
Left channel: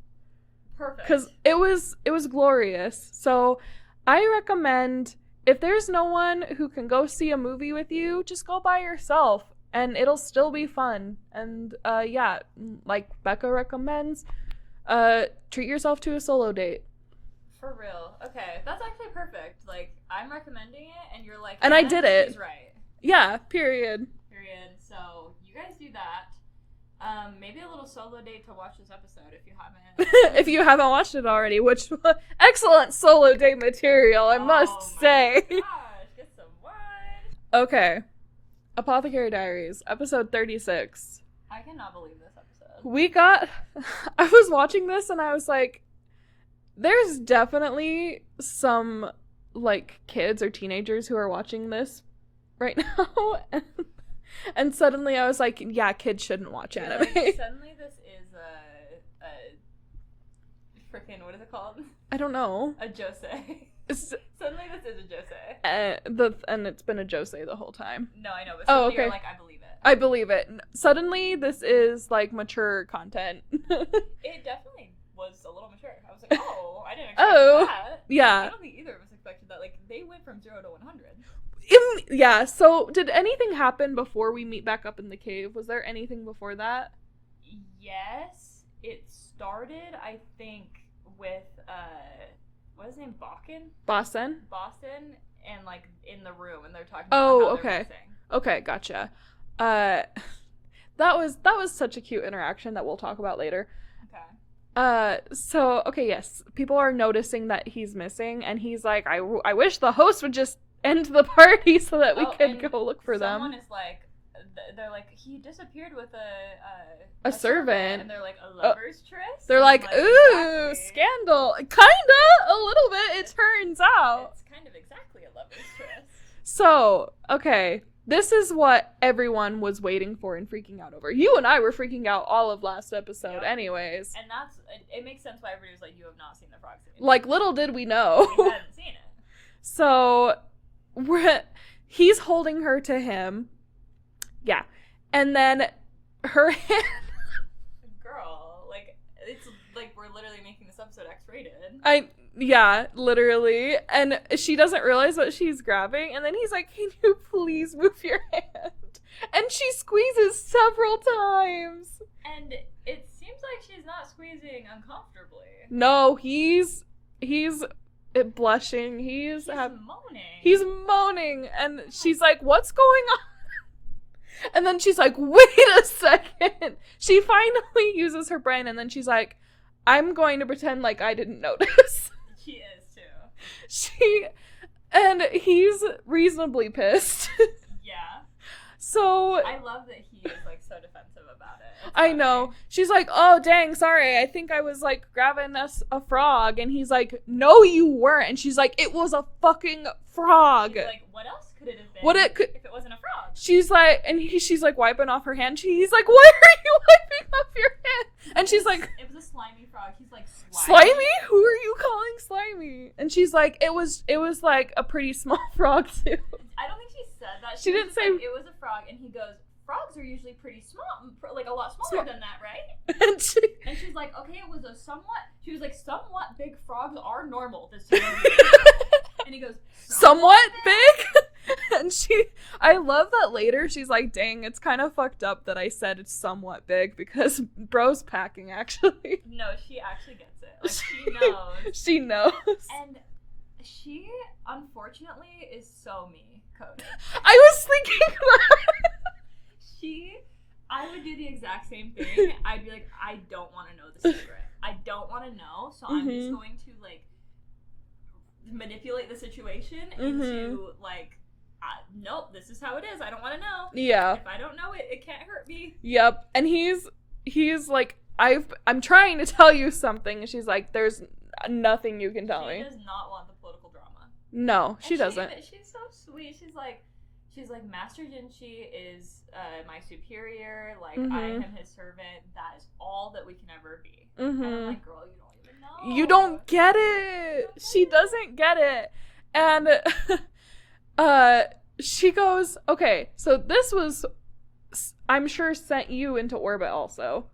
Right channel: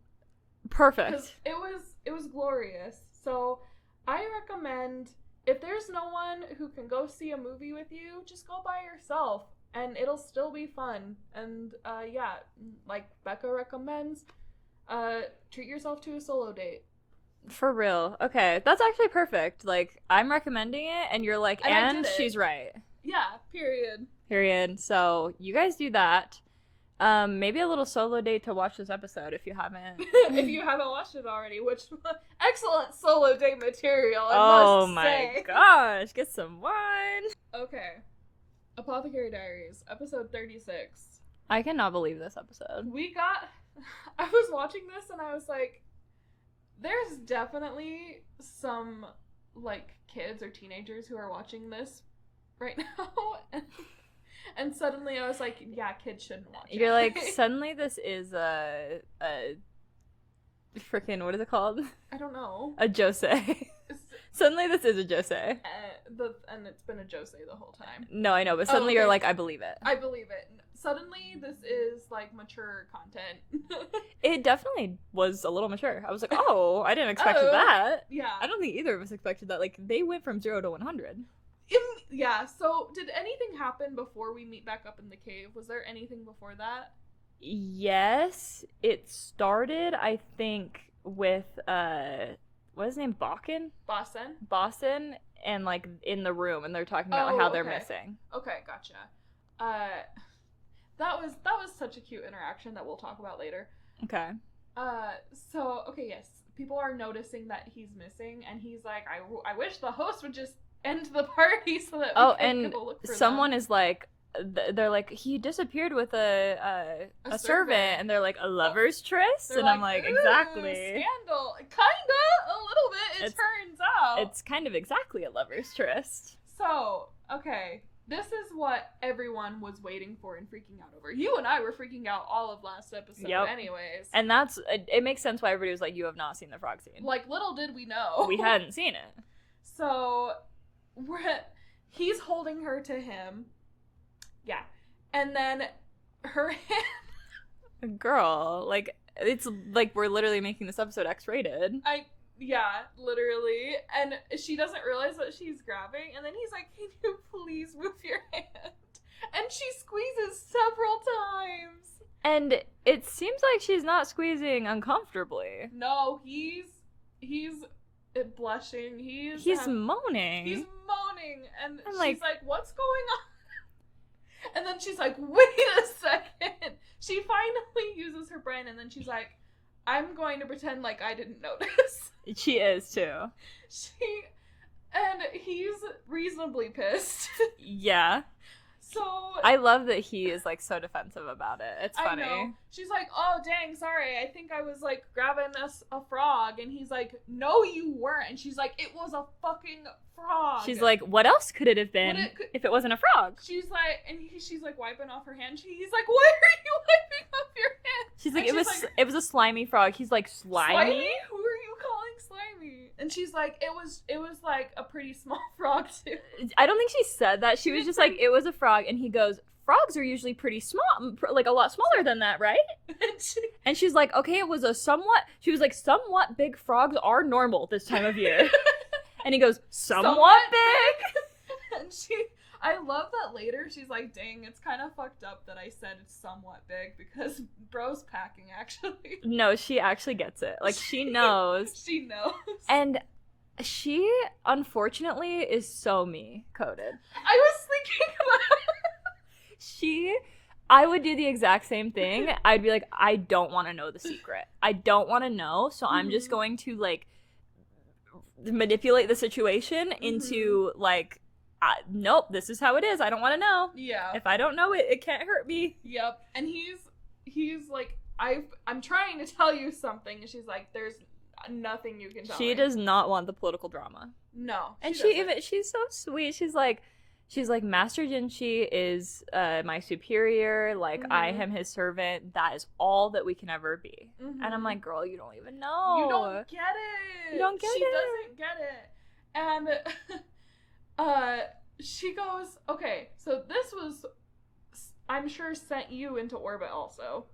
Perfect. Because it was glorious. So I recommend, if there's no one who can go see a movie with you, just go by yourself. And it'll still be fun. And yeah, like Becca recommends, treat yourself to a solo date. For real. Okay, that's actually perfect. Like, I'm recommending it, and you're like, and I did it. She's right. Yeah, period. So, you guys do that. Maybe a little solo date to watch this episode if you haven't. If you haven't watched it already, which, excellent solo date material, I must say. Oh my gosh, get some wine. Okay. Apothecary Diaries, episode 36. I cannot believe this episode. I was watching this, and I was like, there's definitely some, like, kids or teenagers who are watching this right now. And suddenly I was like, yeah, kids shouldn't watch it. You're like, suddenly this is freaking, what is it called? I don't know. A josei. Suddenly this is a josei. And it's been a josei the whole time. No, I know, but suddenly okay. you're like, I believe it. I believe it. Suddenly this is like mature content. It definitely was a little mature. I was like, oh, I didn't expect that. Yeah. I don't think either of us expected that. Like, they went from 0 to 100. Yeah, so did anything happen before we meet back up in the cave? Was there anything before that? Yes, it started, I think, with, what is his name? Boston, and, like, in the room, and they're talking about how they're okay. missing. Okay, gotcha. That was such a cute interaction that we'll talk about later. Okay. So, okay, yes, people are noticing that he's missing, and he's like, I wish the host would just end the party so that we can go look for someone them. is like, they're like, he disappeared with a servant, and they're like, a lover's tryst. They're and like, I'm ooh, exactly. Scandal, kinda, a little bit. It turns out it's kind of exactly a lover's tryst. So, okay, this is what everyone was waiting for and freaking out over. You and I were freaking out all of last episode, anyways, and it makes sense why everybody was like, you have not seen the frog scene. Like, little did we know we hadn't seen it. So he's holding her to him. Yeah. And then her hand... Girl, like, it's like we're literally making this episode X-rated. Yeah, literally. And she doesn't realize what she's grabbing. And then he's like, can you please move your hand? And she squeezes several times. And it seems like she's not squeezing uncomfortably. No, he's blushing. He's moaning. He's moaning. And she's like, what's going on? And then she's like, wait a second. She finally uses her brain, and then she's like, I'm going to pretend like I didn't notice. She is, too. And he's reasonably pissed. Yeah. So I love that he is, like, so defensive about it. It's funny. I know. She's like, oh, dang, sorry. I think I was, like, grabbing a frog. And he's like, no, you weren't. And she's like, it was a fucking frog. She's like, what else could it have been if it wasn't a frog? She's like, and she's like wiping off her hand. He's like, why are you wiping off your hand? She's like, it was a slimy frog. He's like, slimy? Slimy? Who are you calling slimy? And she's like, it was like a pretty small frog too. I don't think she said that. She was just like, it was a frog. And he goes, frogs are usually pretty small, like a lot smaller than that, right? And she's like, okay, it was she was like, somewhat big frogs are normal this time of year. And he goes, somewhat big? And I love that later she's like, dang, it's kind of fucked up that I said it's somewhat big because bro's packing, actually. No, she actually gets it. Like, she knows. She knows. And she, unfortunately, is so me-coded. I was thinking I would do the exact same thing. I'd be like, I don't want to know the secret. I don't want to know, so I'm just going to, like, manipulate the situation into, like, nope, this is how it is. I don't want to know. Yeah. If I don't know it, it can't hurt me. Yep. And he's like, I'm trying to tell you something. And she's like, there's nothing you can tell me. She does not want the political drama. No, she doesn't. She's so sweet. She's like, Master Jinshi is my superior. Like, I am his servant. That is all that we can ever be. And I'm like, girl, you don't even know. You don't get it. She doesn't get it. And she goes, okay, so this was, I'm sure, sent you into orbit also.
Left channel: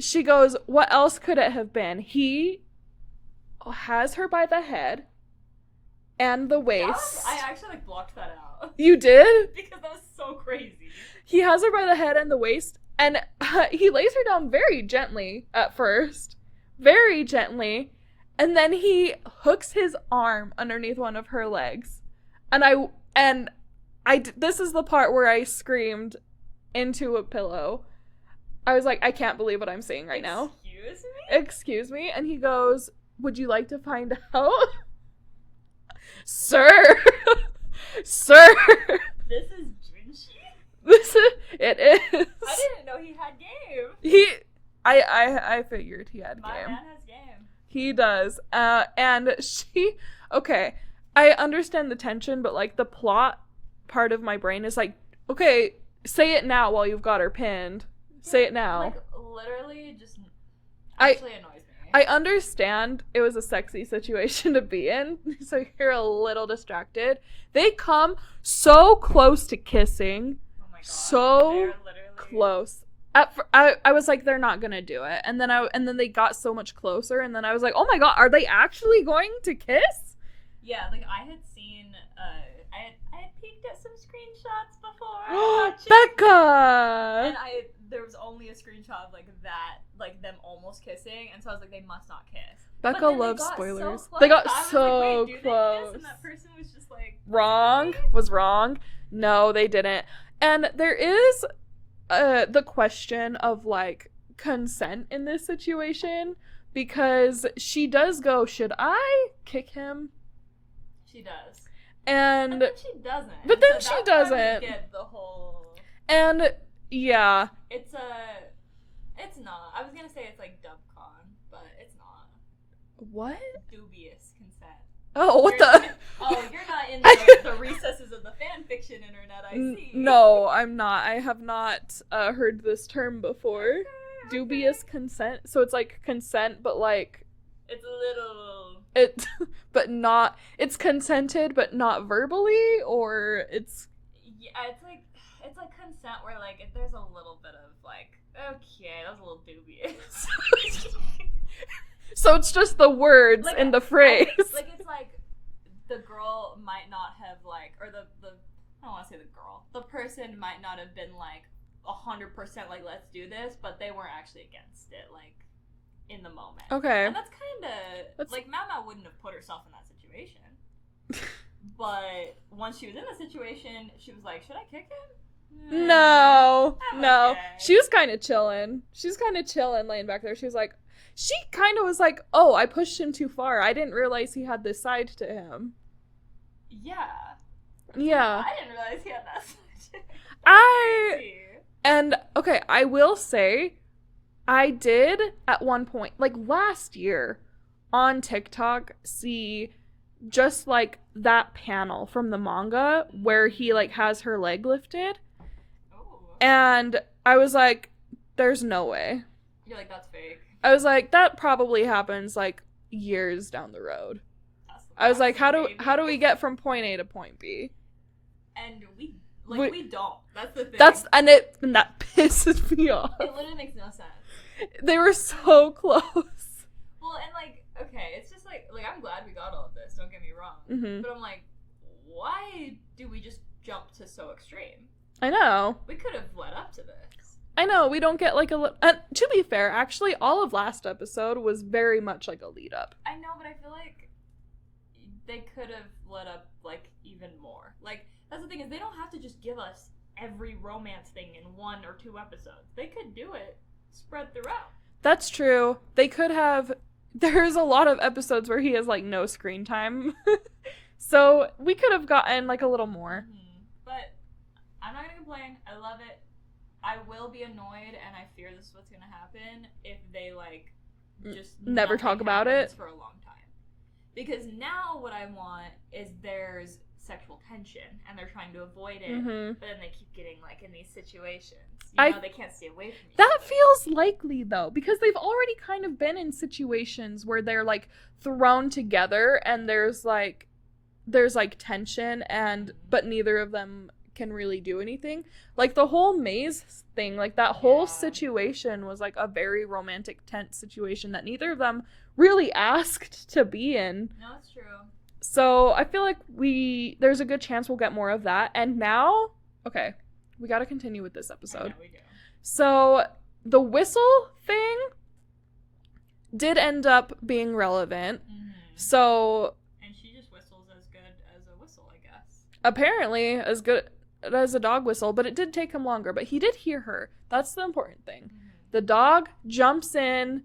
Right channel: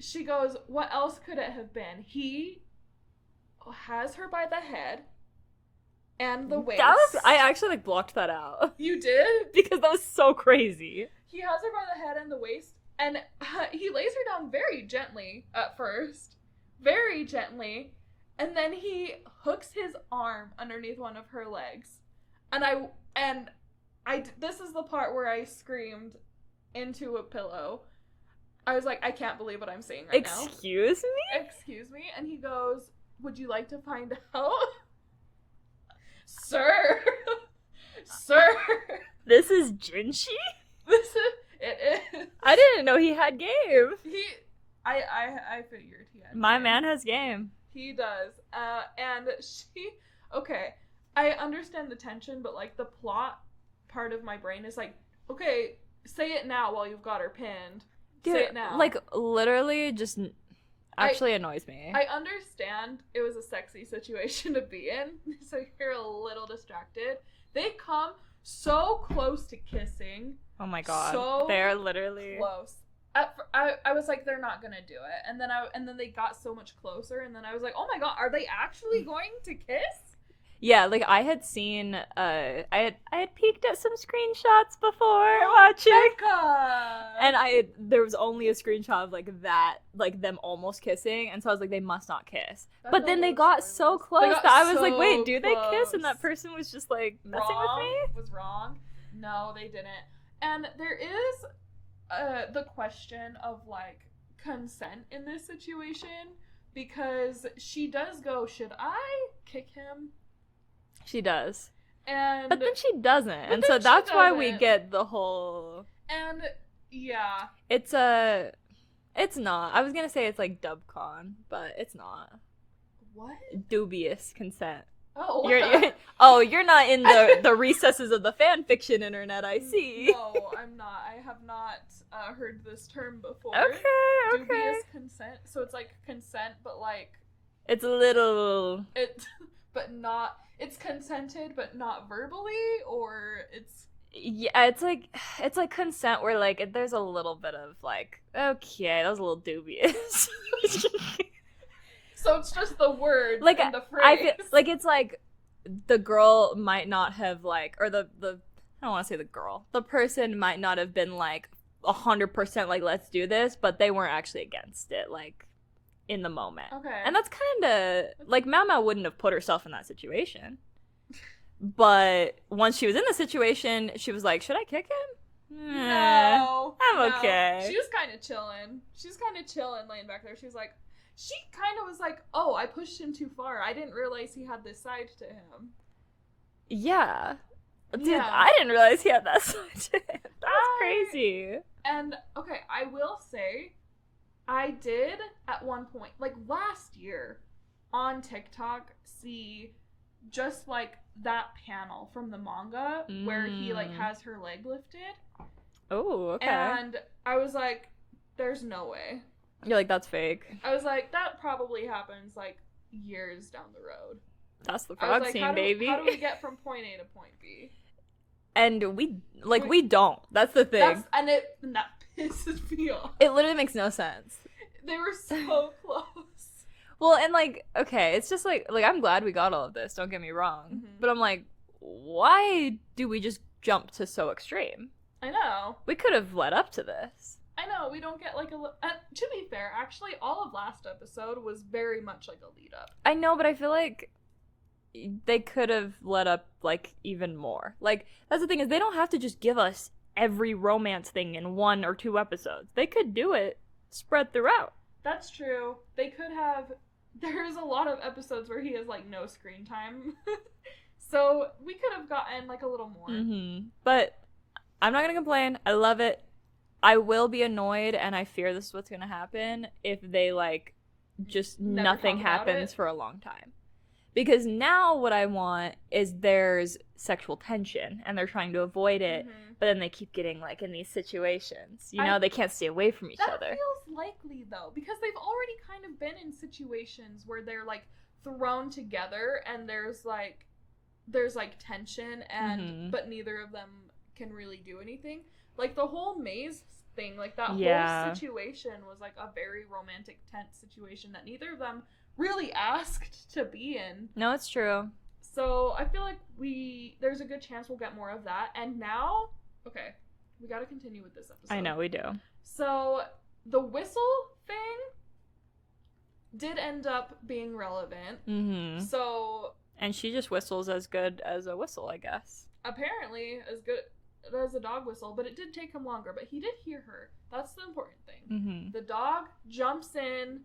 She goes, what else could it have been? He has her by the head and the waist. I actually, like, blocked that out. You did? Because that was so crazy. He has her by the head and the waist, and he lays her down very gently at first. Very gently. And then he hooks his arm underneath one of her legs. And I this is the part where I screamed into a pillow. I was like, I can't believe what I'm seeing right now. Excuse me? Excuse me? And he goes, would you like to find out? Sir! Sir! This is Jinshi? It is. I didn't know he had game. I figured he had My game. man has game. He does. And okay, I understand the tension, but, like, the plot part of my brain is like, okay, say it now while you've got her pinned. Say it now. Like, literally just, actually annoys me. I understand it was a sexy situation to be in, so you're a little distracted. They come so close to kissing. Oh my god. So they're literally close. I was like, they're not gonna do it, and then they got so much closer, and then I was like, oh my god, are they actually going to kiss? Yeah, like I had seen I had peeked at some screenshots before watching, Becca! and there was only a screenshot of like that, like them almost kissing, and so I was like, they must not kiss. Becca But then they loves got spoilers. so close They got that I was so like, wait, do they kiss? close. And that person was just like Wrong. Was wrong. No, they didn't. And there is the question of like consent in this situation, because she does go, should I kick him? She does. And but then she doesn't. But and then so that's she why doesn't. we get the whole And yeah. it's not. I was gonna say it's like dubcon, but it's not. What? Dubious consent. Oh, what You're, the? oh, you're not in the recesses of the fan fiction internet, I see. No, I'm not. I have not heard this term before. Okay. Dubious consent. So it's like consent, but like it's a little but not. It's consented, but not verbally, or it's. Yeah, it's like consent where like there's a little bit of like, okay, that was a little dubious. So it's just the words like and the phrase. like it's like the girl might not have like, or the I don't want to say the girl. The person might not have been like 100% like let's do this, but they weren't actually against it like in the moment. Okay. And that's kind of like Maomao wouldn't have put herself in that situation. But once she was in the situation, she was like, should I kick him? No. I'm no. okay. She was kind of chilling. Laying back there. She was like, she kind of was like, oh, I pushed him too far. I didn't realize he had this side to him. Yeah. Yeah. I didn't realize he had that side to him. That's crazy. And, okay, I will say, I did, at one point, like, last year, on TikTok, see just, like, that panel from the manga where he, like, has her leg lifted. Oh, okay. And I was like, there's no way. You're like, that's fake. I was like, that probably happens, like, years down the road. That's the I was like, how do we get from point A to point B? And we don't. That's the thing. And that pisses me off. It literally makes no sense. They were so close. Well, and like, okay, it's just like I'm glad we got all of this, don't get me wrong. Mm-hmm. But I'm like, why do we just jump to so extreme? I know. We could have led up to this. I know, we don't get like to be fair, actually, all of last episode was very much like a lead up. I know, but I feel like they could have led up like even more. Like, that's the thing, is they don't have to just give us every romance thing in 1 or 2 episodes. They could do it spread throughout. That's true. They could have. There's a lot of episodes where he has like no screen time. So we could have gotten like a little more. Mm-hmm. But I'm not gonna complain. I love it. I will be annoyed, and I fear this is what's gonna happen if they like just Never nothing talk about happens it for a long time. Because now what I want is there's sexual tension, and they're trying to avoid it, Mm-hmm. but then they keep getting like in these situations. You know, they can't stay away from each That other. feels likely though, because they've already kind of been in situations where they're like thrown together, and there's like tension, and but neither of them can really do anything. Like the whole maze thing, like that whole situation was like a very romantic, tense situation that neither of them really asked to be in. No, it's true. So I feel like there's a good chance we'll get more of that. And now, okay, we got to continue with this episode. I know we do. So the whistle thing did end up being relevant. Mm-hmm. So, and she just whistles as good as a whistle, I guess. Apparently as good as a dog whistle, but it did take him longer. But he did hear her. That's the important thing. Mm-hmm. The dog jumps in,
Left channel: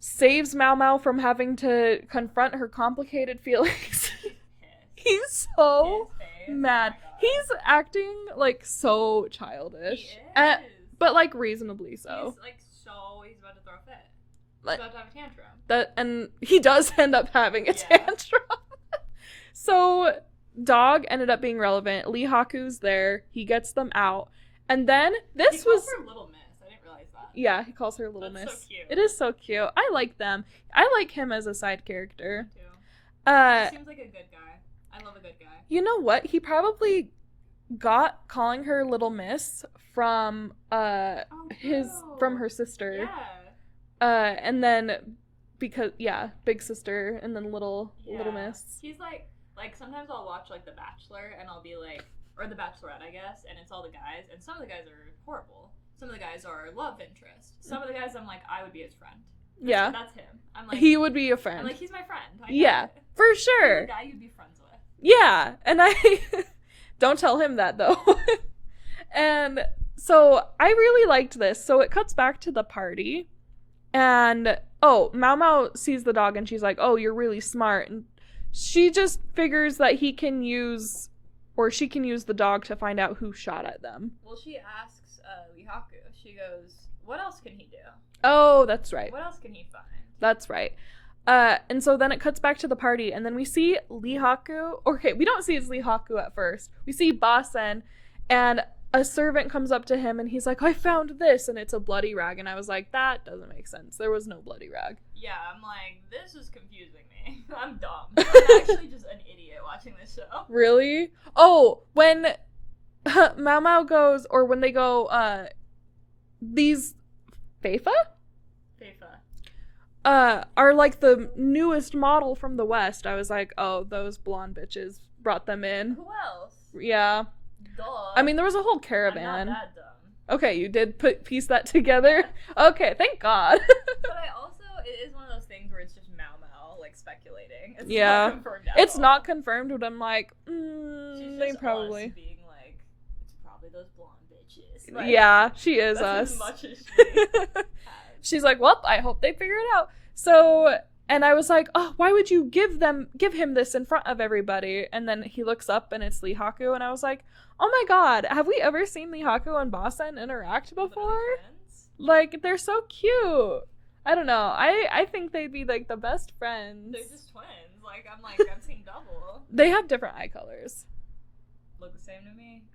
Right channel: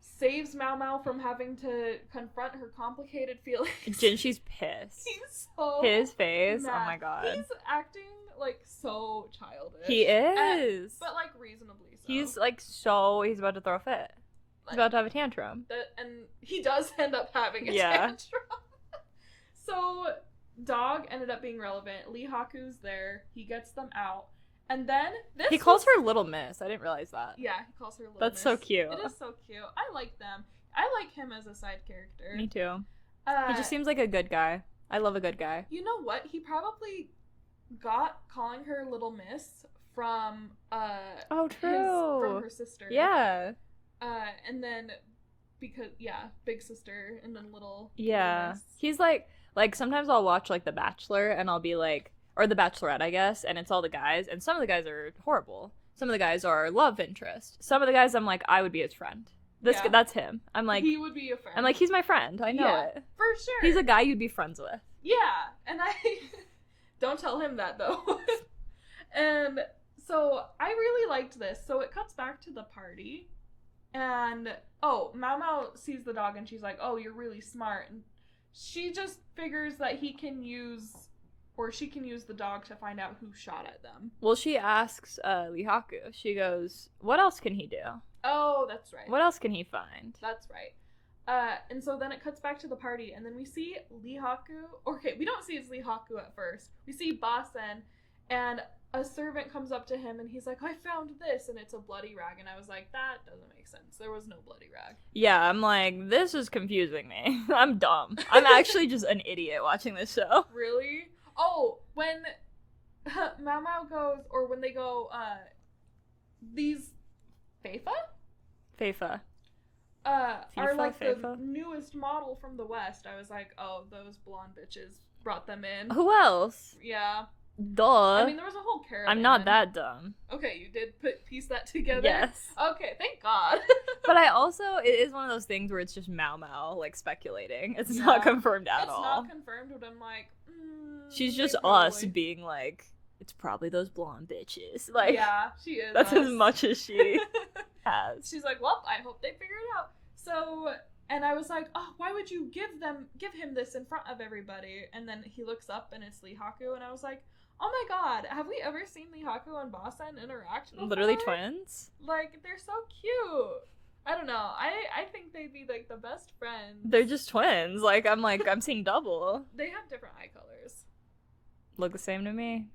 saves Maomao from having to confront her complicated feelings. Jinshi's pissed. He's so his face. mad. Oh my god. He's acting like so childish. He is. But like reasonably so. He's like he's about to throw a fit. He's about to have a tantrum. And he does end up having a tantrum. So dog ended up being relevant. Lee Haku's there. He gets them out. And then He calls her Little Miss. I didn't realize that. Yeah, he calls her Little That's Miss. so cute. It is so cute. I like them. I like him as a side character. Me too. He Uh, just seems like a good guy. I love a good guy. you know what? He probably got calling her Little Miss from Oh, true. from her sister. Yeah. And then because big sister and then little Miss. He's like sometimes I'll watch like The Bachelor and I'll be like, or The Bachelorette, I guess, and it's all the guys, and some of the guys are horrible. Some of the guys are love interest. Some of the guys I'm like, I would be his friend. That's him. I'm like, he would be a friend. I'm like, he's my friend. I know it. For sure. He's a guy you'd be friends with. Yeah, and I don't tell him that though. And so I really liked this. So it cuts back to the party, and Maomao sees the dog and she's like, "Oh, you're really smart." And she just figures that she can use the dog to find out who shot at them. Well, she asks Lihaku. She goes, "What else can he do? Oh, that's right. What else can he find?" That's right. And so then it cuts back to the party, and then we see Lihaku. Okay, we don't see it's Lihaku at first. We see Basen, and a servant comes up to him, and he's like, "I found this," and it's a bloody rag. And I was like, that doesn't make sense. There was no bloody rag. Yeah, I'm like, this is confusing me. I'm dumb. I'm actually just an idiot watching this show. Really? Oh, when Maomao goes, or when they go, these Feifa? Feifa. Are like the Feifa? newest model from the West. I was like, oh, those blonde bitches brought them in. Who else? Yeah. Duh. I mean, there was a whole caravan. I'm not that dumb. Okay, you did piece that together? Yes. Okay, thank God. But I also, it is one of those things where it's just Maomao, like, speculating. It's Yeah. not confirmed at all. It's not confirmed, but I'm like, She's they just us probably- being like, it's probably those blonde bitches. Like, yeah, she is that's us. as much as she has. She's like, well, I hope they figure it out. So, and I was like, oh, why would you give him this in front of everybody? And then he looks up and it's Lihaku, and I was like, oh my God, have we ever seen Lihaku and Basen interact before? Literally twins? Like, they're so cute. I don't know. I think they'd be like the best friends. They're just twins. Like, I'm seeing double. They have different eye colors. Look the same to me.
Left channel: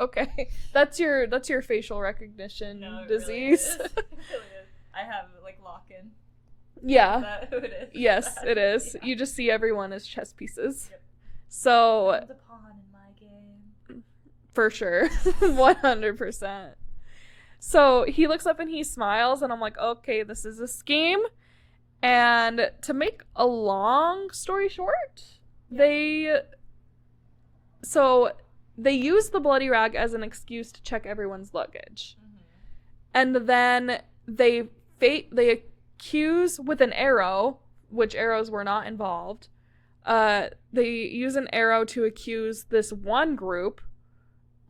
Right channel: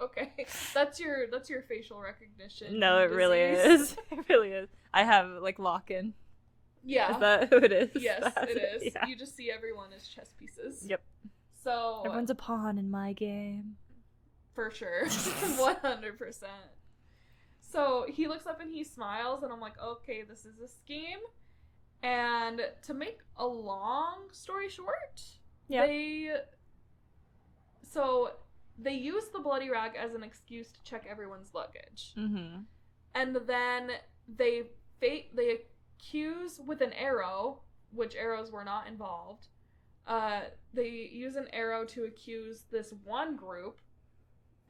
Okay. That's your facial recognition. No, it really disease. is. It really is. I have, like, lock-in. Yeah. Is that who it is? Yes, it is. Yeah. You just see everyone as chess pieces. Yep. So Everyone's a pawn in my game. for sure. 100%. So he looks up and he smiles, and I'm like, okay, this is a scheme. And to make a long story short, Yeah. they use the bloody rag as an excuse to check everyone's luggage. Mm-hmm. And then they accuse with an arrow, which arrows were not involved. They use an arrow to accuse this one group,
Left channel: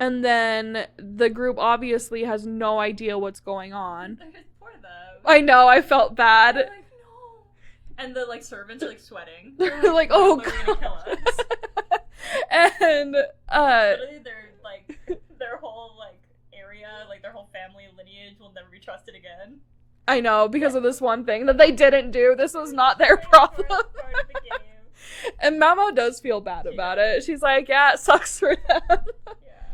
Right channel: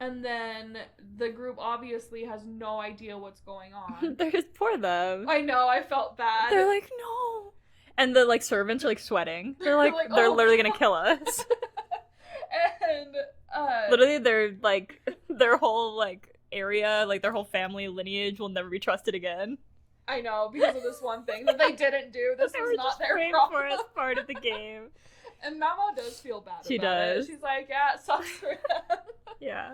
and then the group obviously has no idea what's going on. They're just poor them. I know, I felt bad. They're like, no. And the, like, servants are, like, sweating. They're They're like, like, oh, they're literally crap. gonna kill us. And Literally, they're, like, their whole, like, area, like, their whole family lineage will never be trusted again. I know, because of this one thing that they didn't do. This They was were not just their waiting problem. for it as part of the game. And Maomao does feel bad She about does. it. She's like, yeah, it sucks for them. Yeah.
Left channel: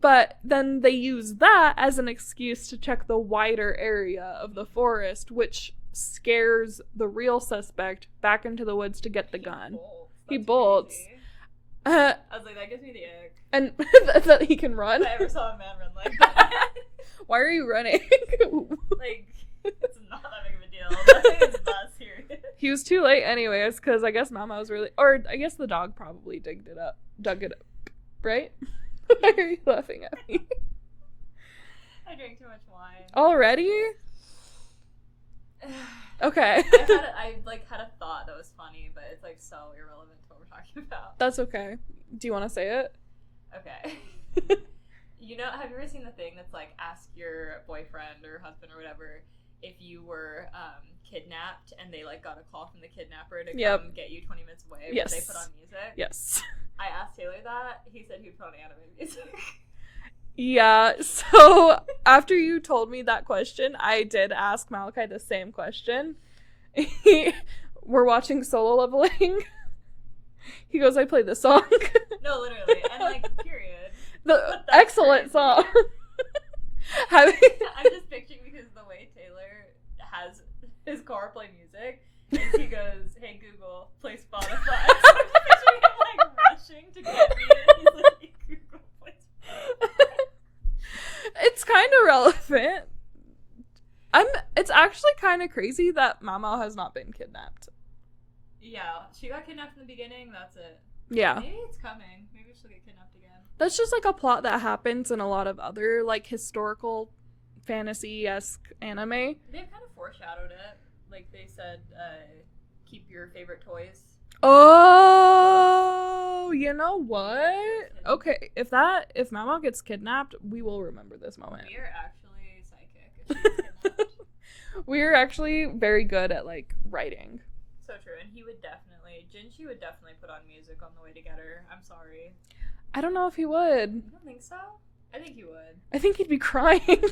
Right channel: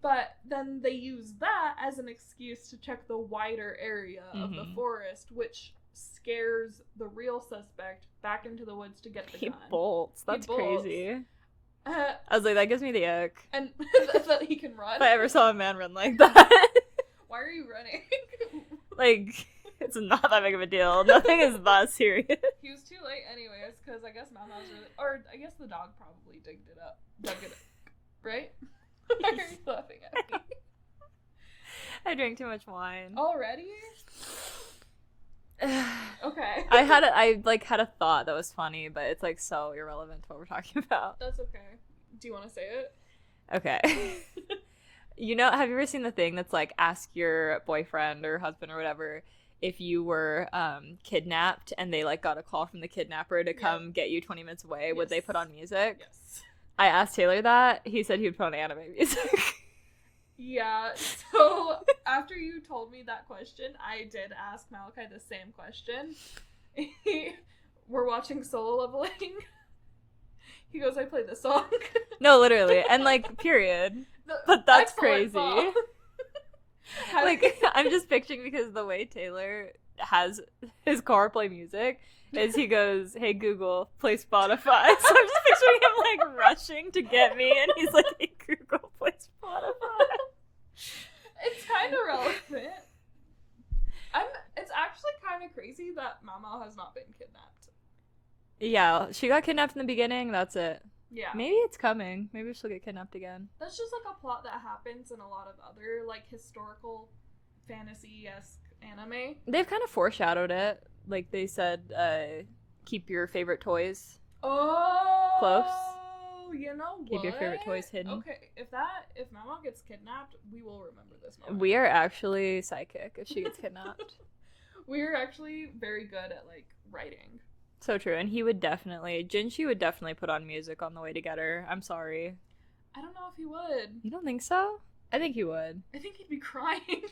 But then they use that as an excuse to check the wider area of the Mhm. forest, which scares the real suspect back into the woods to get the He gun. bolts. He That's bolts. crazy. I I was like, that gives me the ick. and that he can run. If I ever saw a man run like that. Why are you running? Like, it's not that big of a deal. Nothing is that serious. He was too late anyways, because I guess Mama was really, or I guess the dog probably dug it up, right? Why are you laughing at me? I drank too much wine. Already? Okay. I had a thought that was funny, but it's like so irrelevant to what we're talking about. That's okay. Do you want to say it? Okay. You know, have you ever seen the thing that's like, ask your boyfriend or husband or whatever if you were kidnapped and they like got a call from the kidnapper to Yep. come get you 20 minutes away? Yes. Would they put on music? Yes. I asked Taylor that. He said he would put on anime music. Yeah, so after you told me that question, I did ask Malachi the same question. We're watching Solo Leveling. He goes, I played this song. No, literally. And, like, period. The But that's excellent crazy. song. I'm just picturing, because the way Taylor has his car play music is he goes, hey Google, play Spotify. So I'm just picturing him like rushing to get me, and he's like, hey Google, play Spotify. It's kind of relevant. It's actually kind of crazy that Maomao has not been kidnapped. Yeah, she got kidnapped in the beginning, that's it. Yeah. Maybe it's coming. Maybe she'll get kidnapped again. That's just like a plot that happens in a lot of other like historical fantasy-esque anime. They've kind of foreshadowed it. Like they said, keep your favorite toys. Oh, you know what? Keep your favorite toys hidden. Okay, if Maomao gets kidnapped, we will remember this moment. We are actually psychic if she gets kidnapped. We are actually very good at like writing. So true, and Jinshi would definitely put on music on the way to get her. I'm sorry. I don't know if he would. You don't think so? I think he would. I think he'd be crying.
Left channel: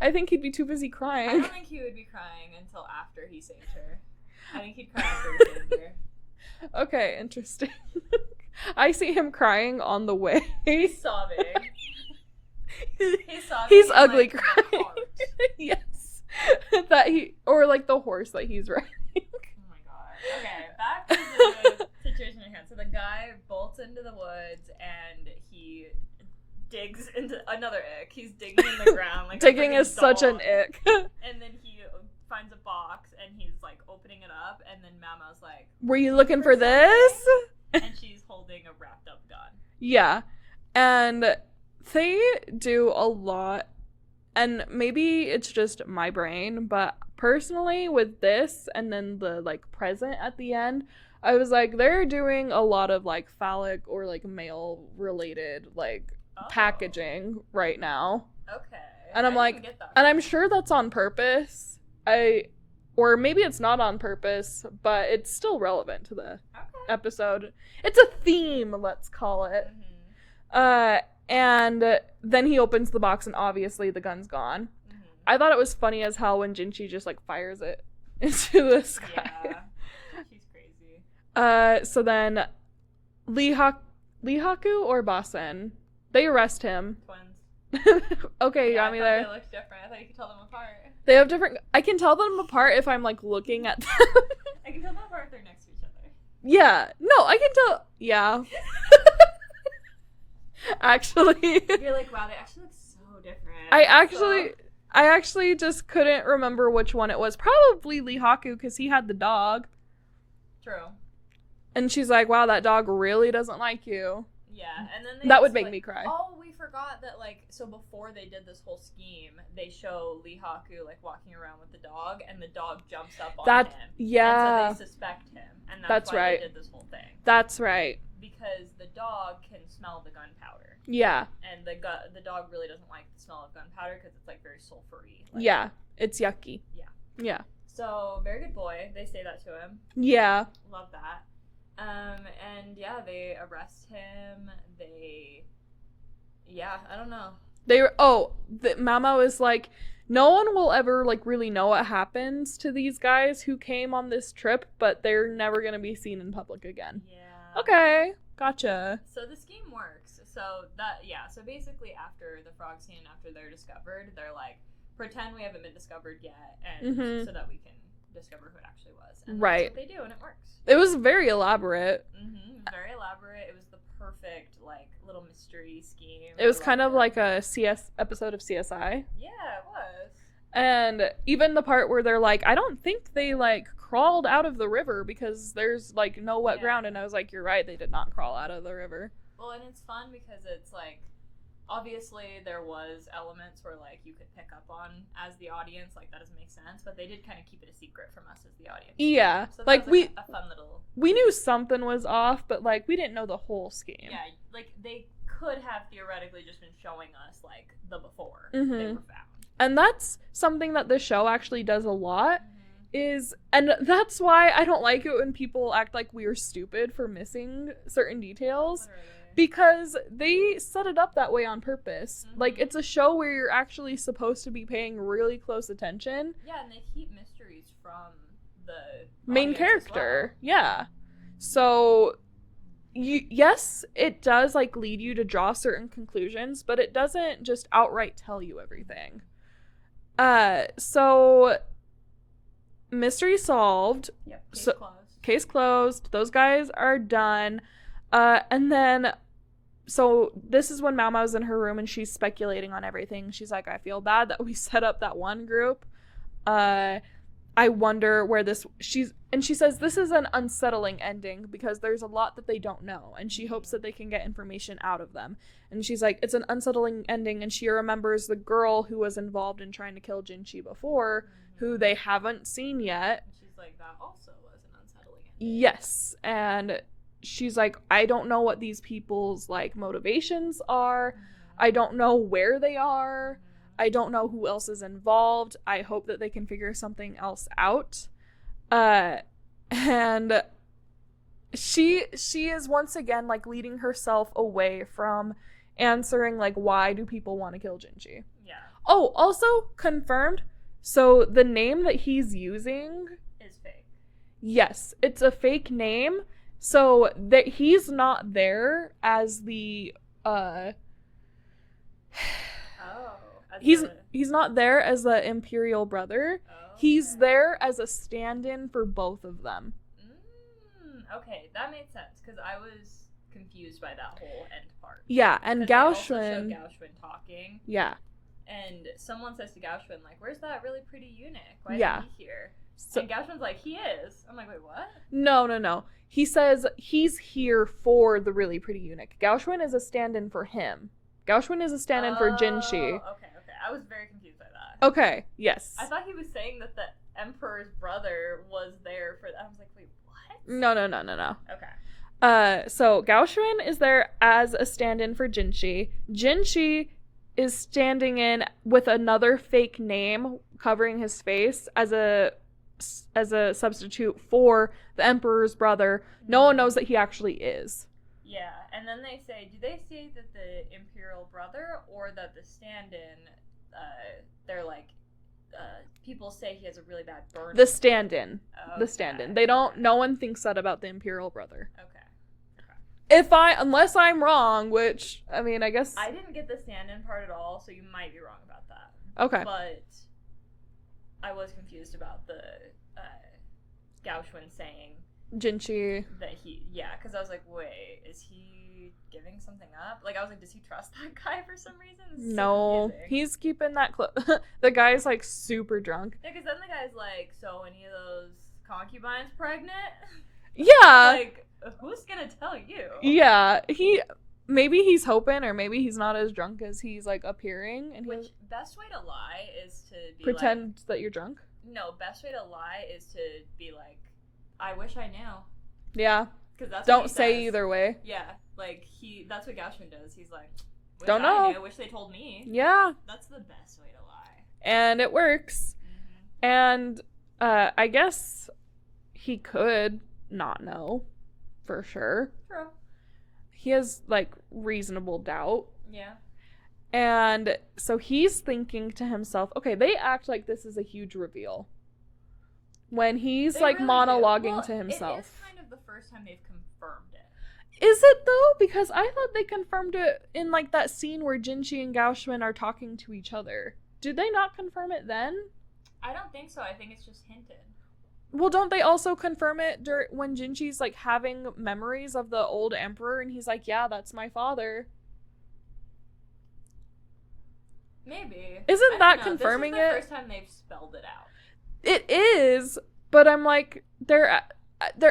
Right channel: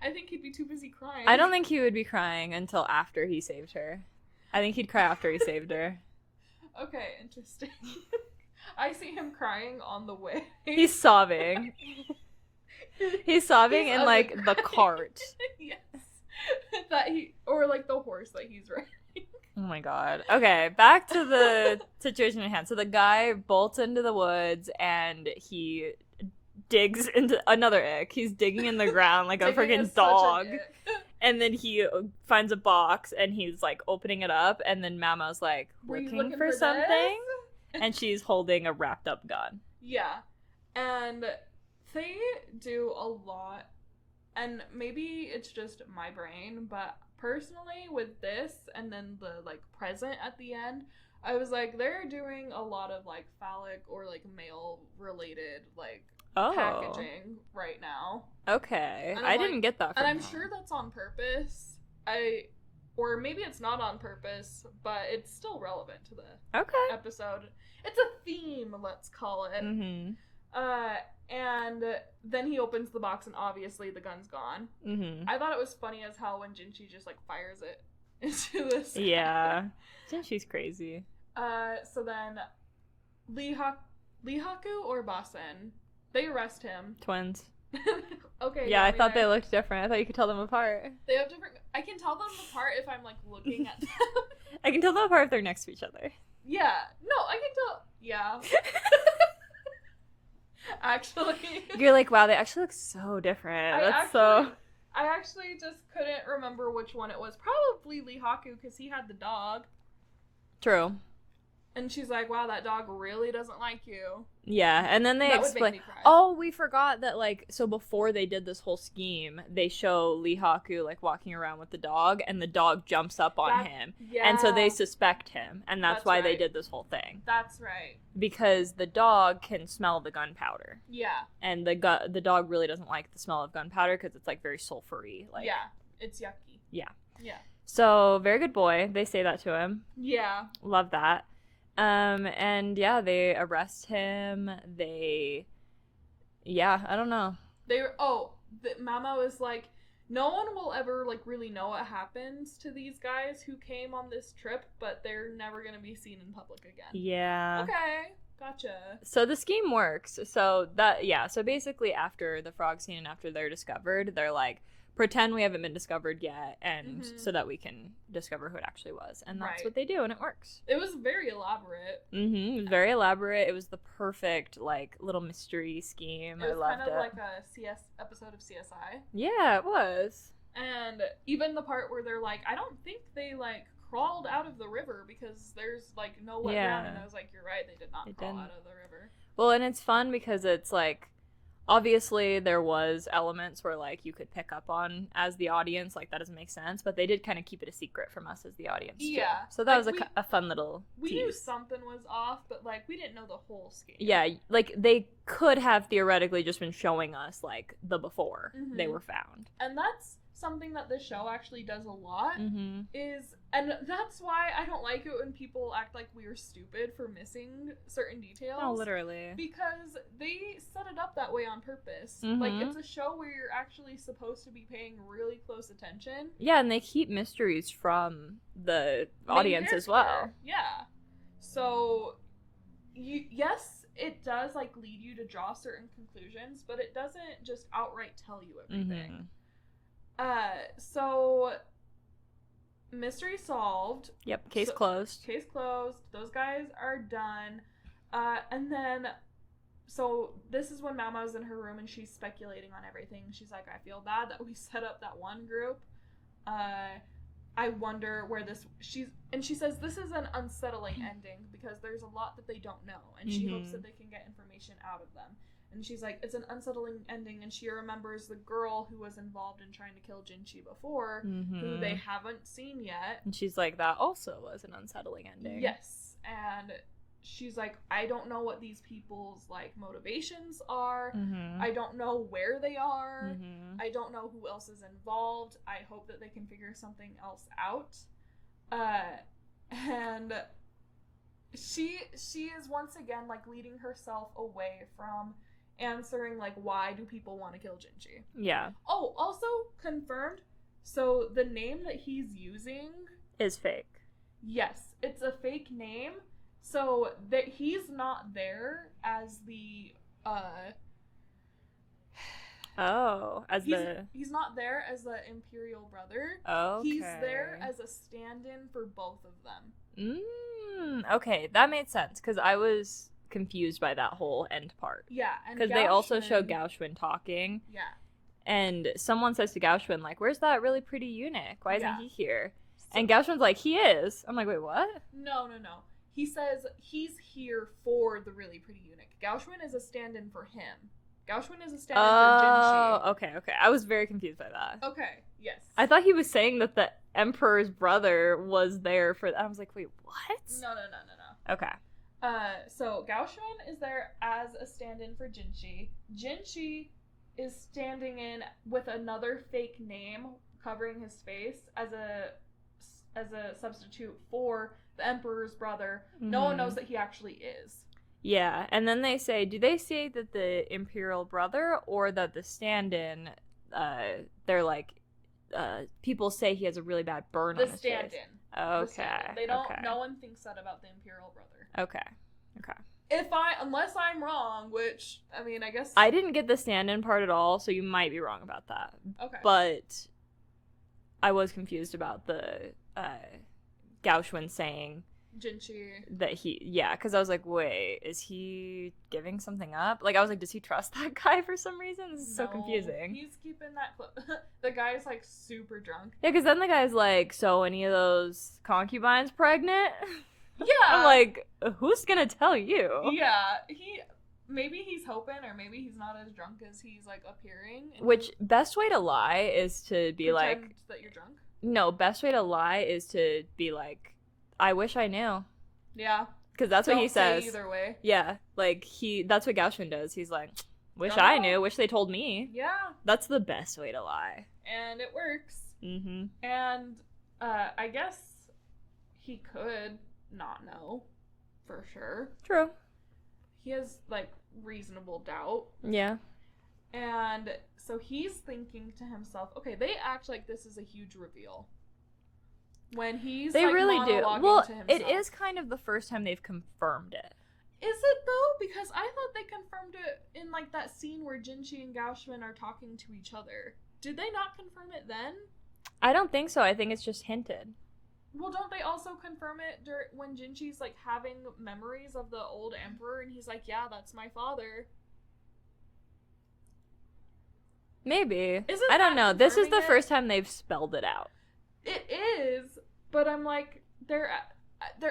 I think he'd be too busy crying. I don't think he would be crying until after he saved her. I think he'd cry after he saved her. Okay, interesting. I see him crying on the way. He's sobbing. He's sobbing He's in ugly like crying. the cart. Yes. Or like the horse that he's riding. Oh my god. Okay, back to the situation at hand. So the guy bolts into the woods and he digs into another ick. He's digging in the ground like a Digging freaking is dog. such an ick. And then he finds a box and he's like opening it up, and then Maomao's like, Were you looking for something?" this? And she's holding a wrapped up gun. Yeah. And they do a lot, and maybe it's just my brain, but personally with this and then the like present at the end, I was like, they're doing a lot of like phallic or like male related like packaging right now. Okay. And I'm I like, didn't get that. And from I'm her. sure that's on purpose. Or maybe it's not on purpose, but it's still relevant to the Okay. episode. It's a theme, let's call it. Mm-hmm. And then he opens the box and obviously the gun's gone. Mm-hmm. I thought it was funny as hell when Jinshi just like fires it into the sky. Yeah. She's crazy. So then Lihaku or Basen, they arrest him. Twins. Okay, Yeah, yeah, I thought they looked different. I thought you could tell them apart. They have different. I can tell them apart if I'm like looking at them. I can tell them apart if they're next to each other. Yeah. No, I can tell. Yeah. Actually, You're like, wow, they actually look so different. I That's actually just couldn't remember which one it was. Probably Lihaku because he had the dog. True. And she's like, wow, that dog really doesn't like you. Yeah, and then That would make me cry. Oh, we forgot that, like, so before they did this whole scheme, they show Lihaku, like, walking around with the dog, and the dog jumps up on him. Yeah. And so they suspect him, and that's why right. they did this whole thing. That's right. Because the dog can smell the gunpowder. Yeah. And the dog really doesn't like the smell of gunpowder because it's, like, very sulfury. Like, Yeah. It's yucky. Yeah. Yeah. So, very good boy. They say that to him. Yeah. Love that. And yeah, they arrest him. I don't know. Maomao is like, no one will ever like really know what happens to these guys who came on this trip, but they're never gonna be seen in public again. Yeah. Okay, gotcha. So the scheme works. So basically after the frog scene and after they're discovered, they're like, pretend we haven't been discovered yet, and so that we can discover who it actually was. And that's what they do, and it works. It was very elaborate. It was very elaborate. It was the perfect, like, little mystery scheme. It was kind of like a episode of CSI. Yeah, it was. And even the part where they're like, I don't think they, like, crawled out of the river because there's, like, no wet ground. And I was like, you're right, they did not crawl out of the river. Well, and it's fun because it's, like, obviously there was elements where like you could pick up on as the audience, like that doesn't make sense, but they did kind of keep it a secret from us as the audience too. Yeah, so that like was a fun little we knew something was off, but like we didn't know the whole scheme. Yeah, like they could have theoretically just been showing us like the before they were found. And that's something that the show actually does a lot and that's why I don't like it when people act like we are stupid for missing certain details. Oh, literally. Because they set it up that way on purpose. Like, it's a show where you're actually supposed to be paying really close attention. Yeah, and they keep mysteries from the main audience character as well. Yeah. So yes, it does like lead you to draw certain conclusions, but it doesn't just outright tell you everything. So mystery solved. Yep, case closed. Case closed. Those guys are done. And then so this is when Maomao's in her room and she's speculating on everything. She's like, I feel bad that we set up that one group. I wonder where she says this is an unsettling ending because there's a lot that they don't know, and she hopes that they can get information out of them. And she's like, it's an unsettling ending, and she remembers the girl who was involved in trying to kill Jinshi before, who they haven't seen yet. And she's like, that also was an unsettling ending. Yes, and she's like, I don't know what these people's like motivations are. I don't know where they are. I don't know who else is involved. I hope that they can figure something else out. And she is once again like leading herself away from answering like, why do people want to kill Jinshi? Yeah. Oh, also confirmed. So the name that he's using is fake. Yes, it's a fake name. So that he's not there as the he's not there as the Imperial brother. Oh, he's there as a stand-in for both of them. Okay, that made sense because I was confused by that whole end part. Yeah, and they also show Gaoshun talking. Yeah, and someone says to Gaoshun like, "Where's that really pretty eunuch? Why isn't he here?" So, and Gaoshun's like, "He is." I'm like, "Wait, what?" No. He says he's here for the really pretty eunuch. Gaoshun is a stand-in for him. Gaoshun is a stand-in for Jinshi. Okay. I was very confused by that. Okay, yes. I thought he was saying that the Emperor's brother was there for... I was like, wait, what? No. Okay. So Gaoshun is there as a stand-in for Jinshi. Jinshi is standing in with another fake name covering his face as a substitute for the Emperor's brother. No one knows that he actually is. Yeah, and then do they say that the Imperial brother or that the stand-in, they're like, people say he has a really bad burn? The stand-in. Okay. The stand-in. They don't, no one thinks that about the Imperial brother. Okay. Unless I'm wrong, which, I mean, I guess. I didn't get the stand-in part at all, so you might be wrong about that. Okay. But I was confused about the, Gaoshun saying Jinshi that because I was like, wait, is he giving something up? Like, I was like, does he trust that guy for some reason? This is so confusing. He's keeping that close. The guy's like super drunk. Yeah, because then the guy's like, so any of those concubines pregnant? Yeah. Like, who's gonna tell you? Yeah, maybe he's hoping, or maybe he's not as drunk as he's like appearing. Which best way to lie is to be pretend that you're drunk. No, best way to lie is to be like, I wish I knew. Yeah. Because that's what he says. Don't say either way. Yeah. Like, that's what Gaoshun does. He's like, wish Don't I know. knew. Wish they told me. Yeah. That's the best way to lie. And it works. And I guess he could not know for sure. True. He has, like, reasonable doubt. Yeah. And so he's thinking to himself, okay, they act like this is a huge reveal. When he's, like, really monologuing to himself. It is kind of the first time they've confirmed it. Is it, though? Because I thought they confirmed it in, like, that scene where Jinshi and Gaoshun are talking to each other. Did they not confirm it then? I don't think so. I think it's just hinted. Well, don't they also confirm it when Jinshi's, like, having memories of the old emperor, and he's like, yeah, that's my father? Maybe. I don't know. This is the first time they've spelled it out. It is, but I'm like, they're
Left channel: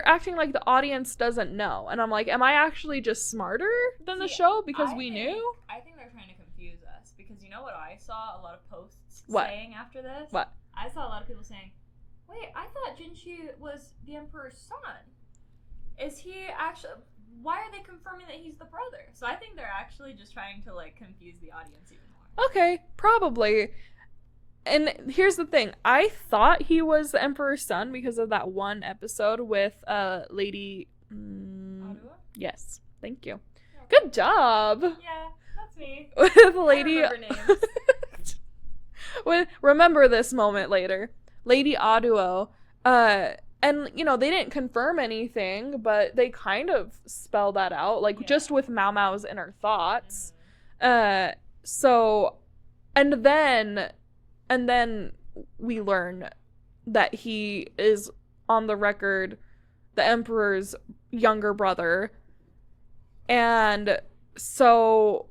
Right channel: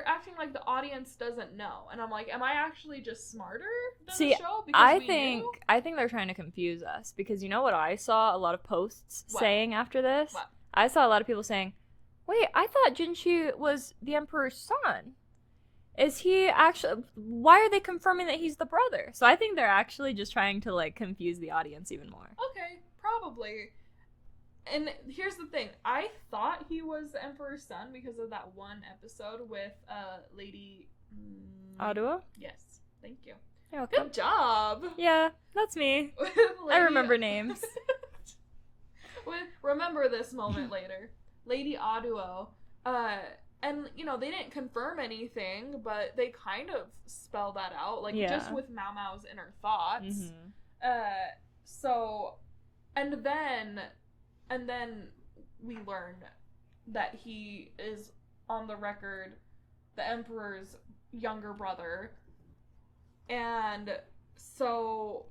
acting like the audience doesn't know, and I'm like, am I actually just smarter than the show because we knew? I think they're trying to confuse us, because you know what I saw a lot of posts saying after this? What? I saw a lot of people saying, wait, I thought Jinshi was the Emperor's son. Is he actually... Why are they confirming that he's the brother? So I think they're actually just trying to, like, confuse the audience even more. Okay, probably. And here's the thing. I thought he was the Emperor's son because of that one episode with Lady... Adua? Yes. Thank you. Yeah, okay. Good job! Yeah, that's me. With Lady... I remember names. Remember this moment later. Lady Aduo, And, you know, they didn't confirm anything, but they kind of spell that out, like, just with Maomao's inner thoughts. So, and then we learn that he is, on the record, the Emperor's younger brother. And so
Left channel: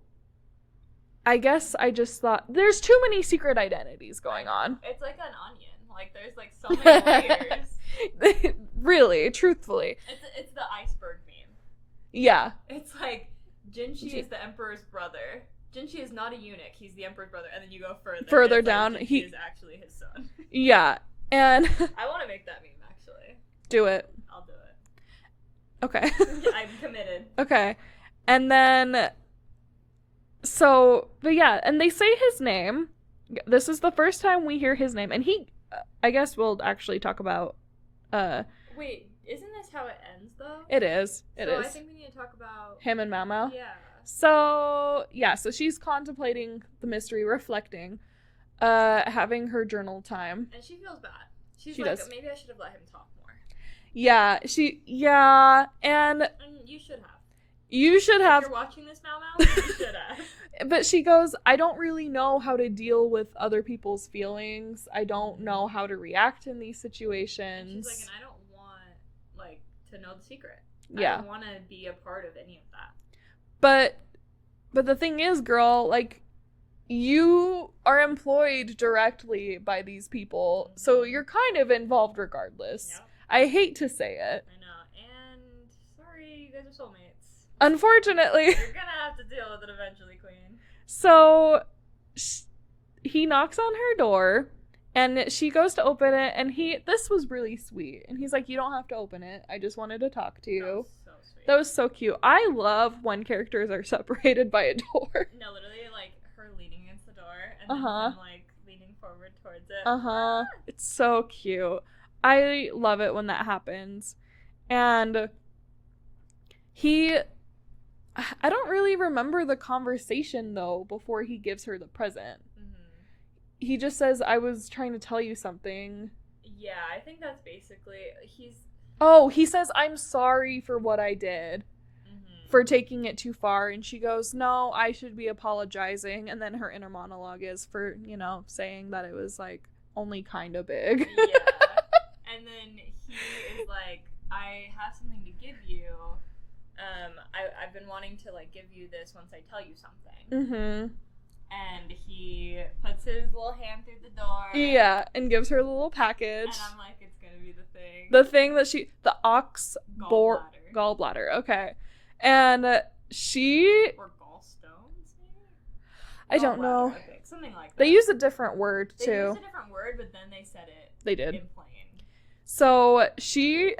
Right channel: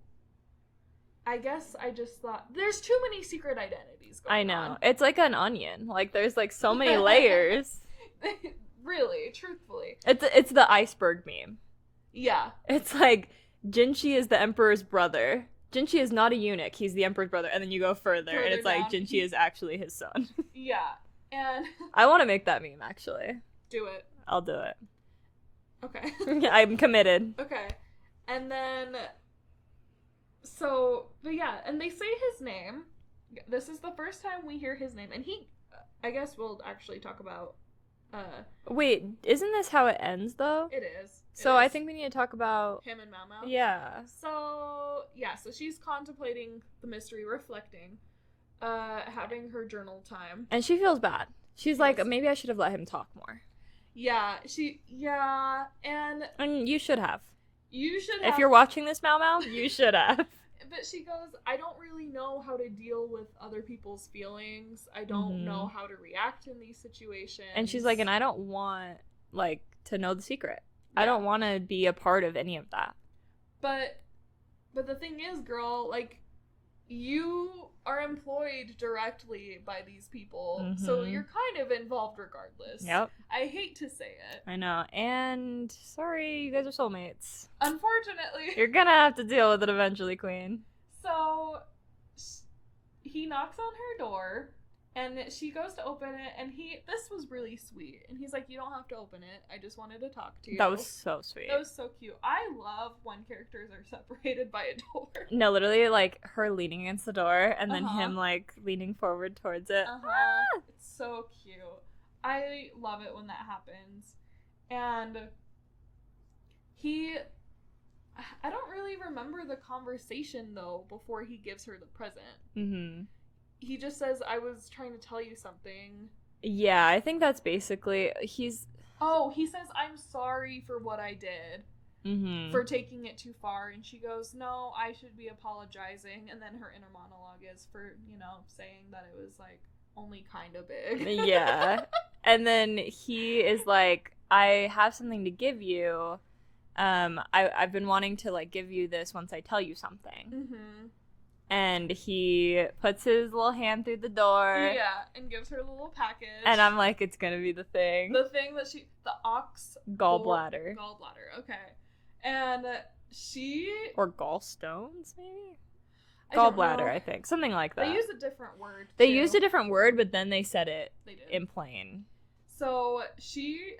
I guess I just thought there's too many secret identities going on. It's like an onion. Like, there's like so many layers. Really, truthfully. It's the iceberg meme. Yeah. It's like Jinshi is the Emperor's brother. Jinshi is not a eunuch. He's the Emperor's brother. And then you go further down. Like, Jinshi is actually his son. Yeah. And I want to make that meme, actually. Do it. I'll do it. Okay. I'm committed. Okay. And then... So, but yeah, and they say his name. This is the first time we hear his name. And he... I guess we'll actually talk about... Wait, isn't this how it ends, though? It is. So I think we need to talk about... him and Maomao? Yeah. So, yeah, so she's contemplating the mystery, reflecting, having her journal time. And she feels bad. She's like, does. Maybe I should have let him talk more. Yeah, and you should have. You should have. If you're watching this, Maomao, you should have. But she goes, I don't really know how to deal with other people's feelings. I don't know how to react in these situations. And she's like, and I don't want, like, to know the secret. Yeah. I don't want to be a part of any of that. But the thing is, girl, like, you are employed directly by these people, so you're kind of involved regardless. Yep. I hate to say it. I know. And sorry, you guys are soulmates. Unfortunately. You're gonna have to deal with it eventually, Queen. So he knocks on her door, and she goes to open it, and this was really sweet. And he's like, you don't have to open it. I just wanted to talk to you. That was so sweet. That was so cute. I love when characters are separated by a door. No, literally, like, her leaning against the door, and then him, like, leaning forward towards it. It's so cute. I love it when that happens. And I don't really remember the conversation, though, before he gives her the present. He just says, I was trying to tell you something. Yeah, I think that's basically... he says, I'm sorry for what I did. For taking it too far. And she goes, no, I should be apologizing. And then her inner monologue is for, you know, saying that it was, like, only kind of big. Yeah. And then he is like, I have something to give you. I've been wanting to, like, give you this once I tell you something. And he puts his little hand through the door. Yeah, and gives her a little package. And I'm like, it's gonna be the thing. The thing that the ox... Gallbladder. Gallbladder, okay. And she... Or gallstones, maybe? I don't know. Gallbladder, I think. Something like that. They used a different word, too. They used a different word, but then they said it. They did. In plain. So she's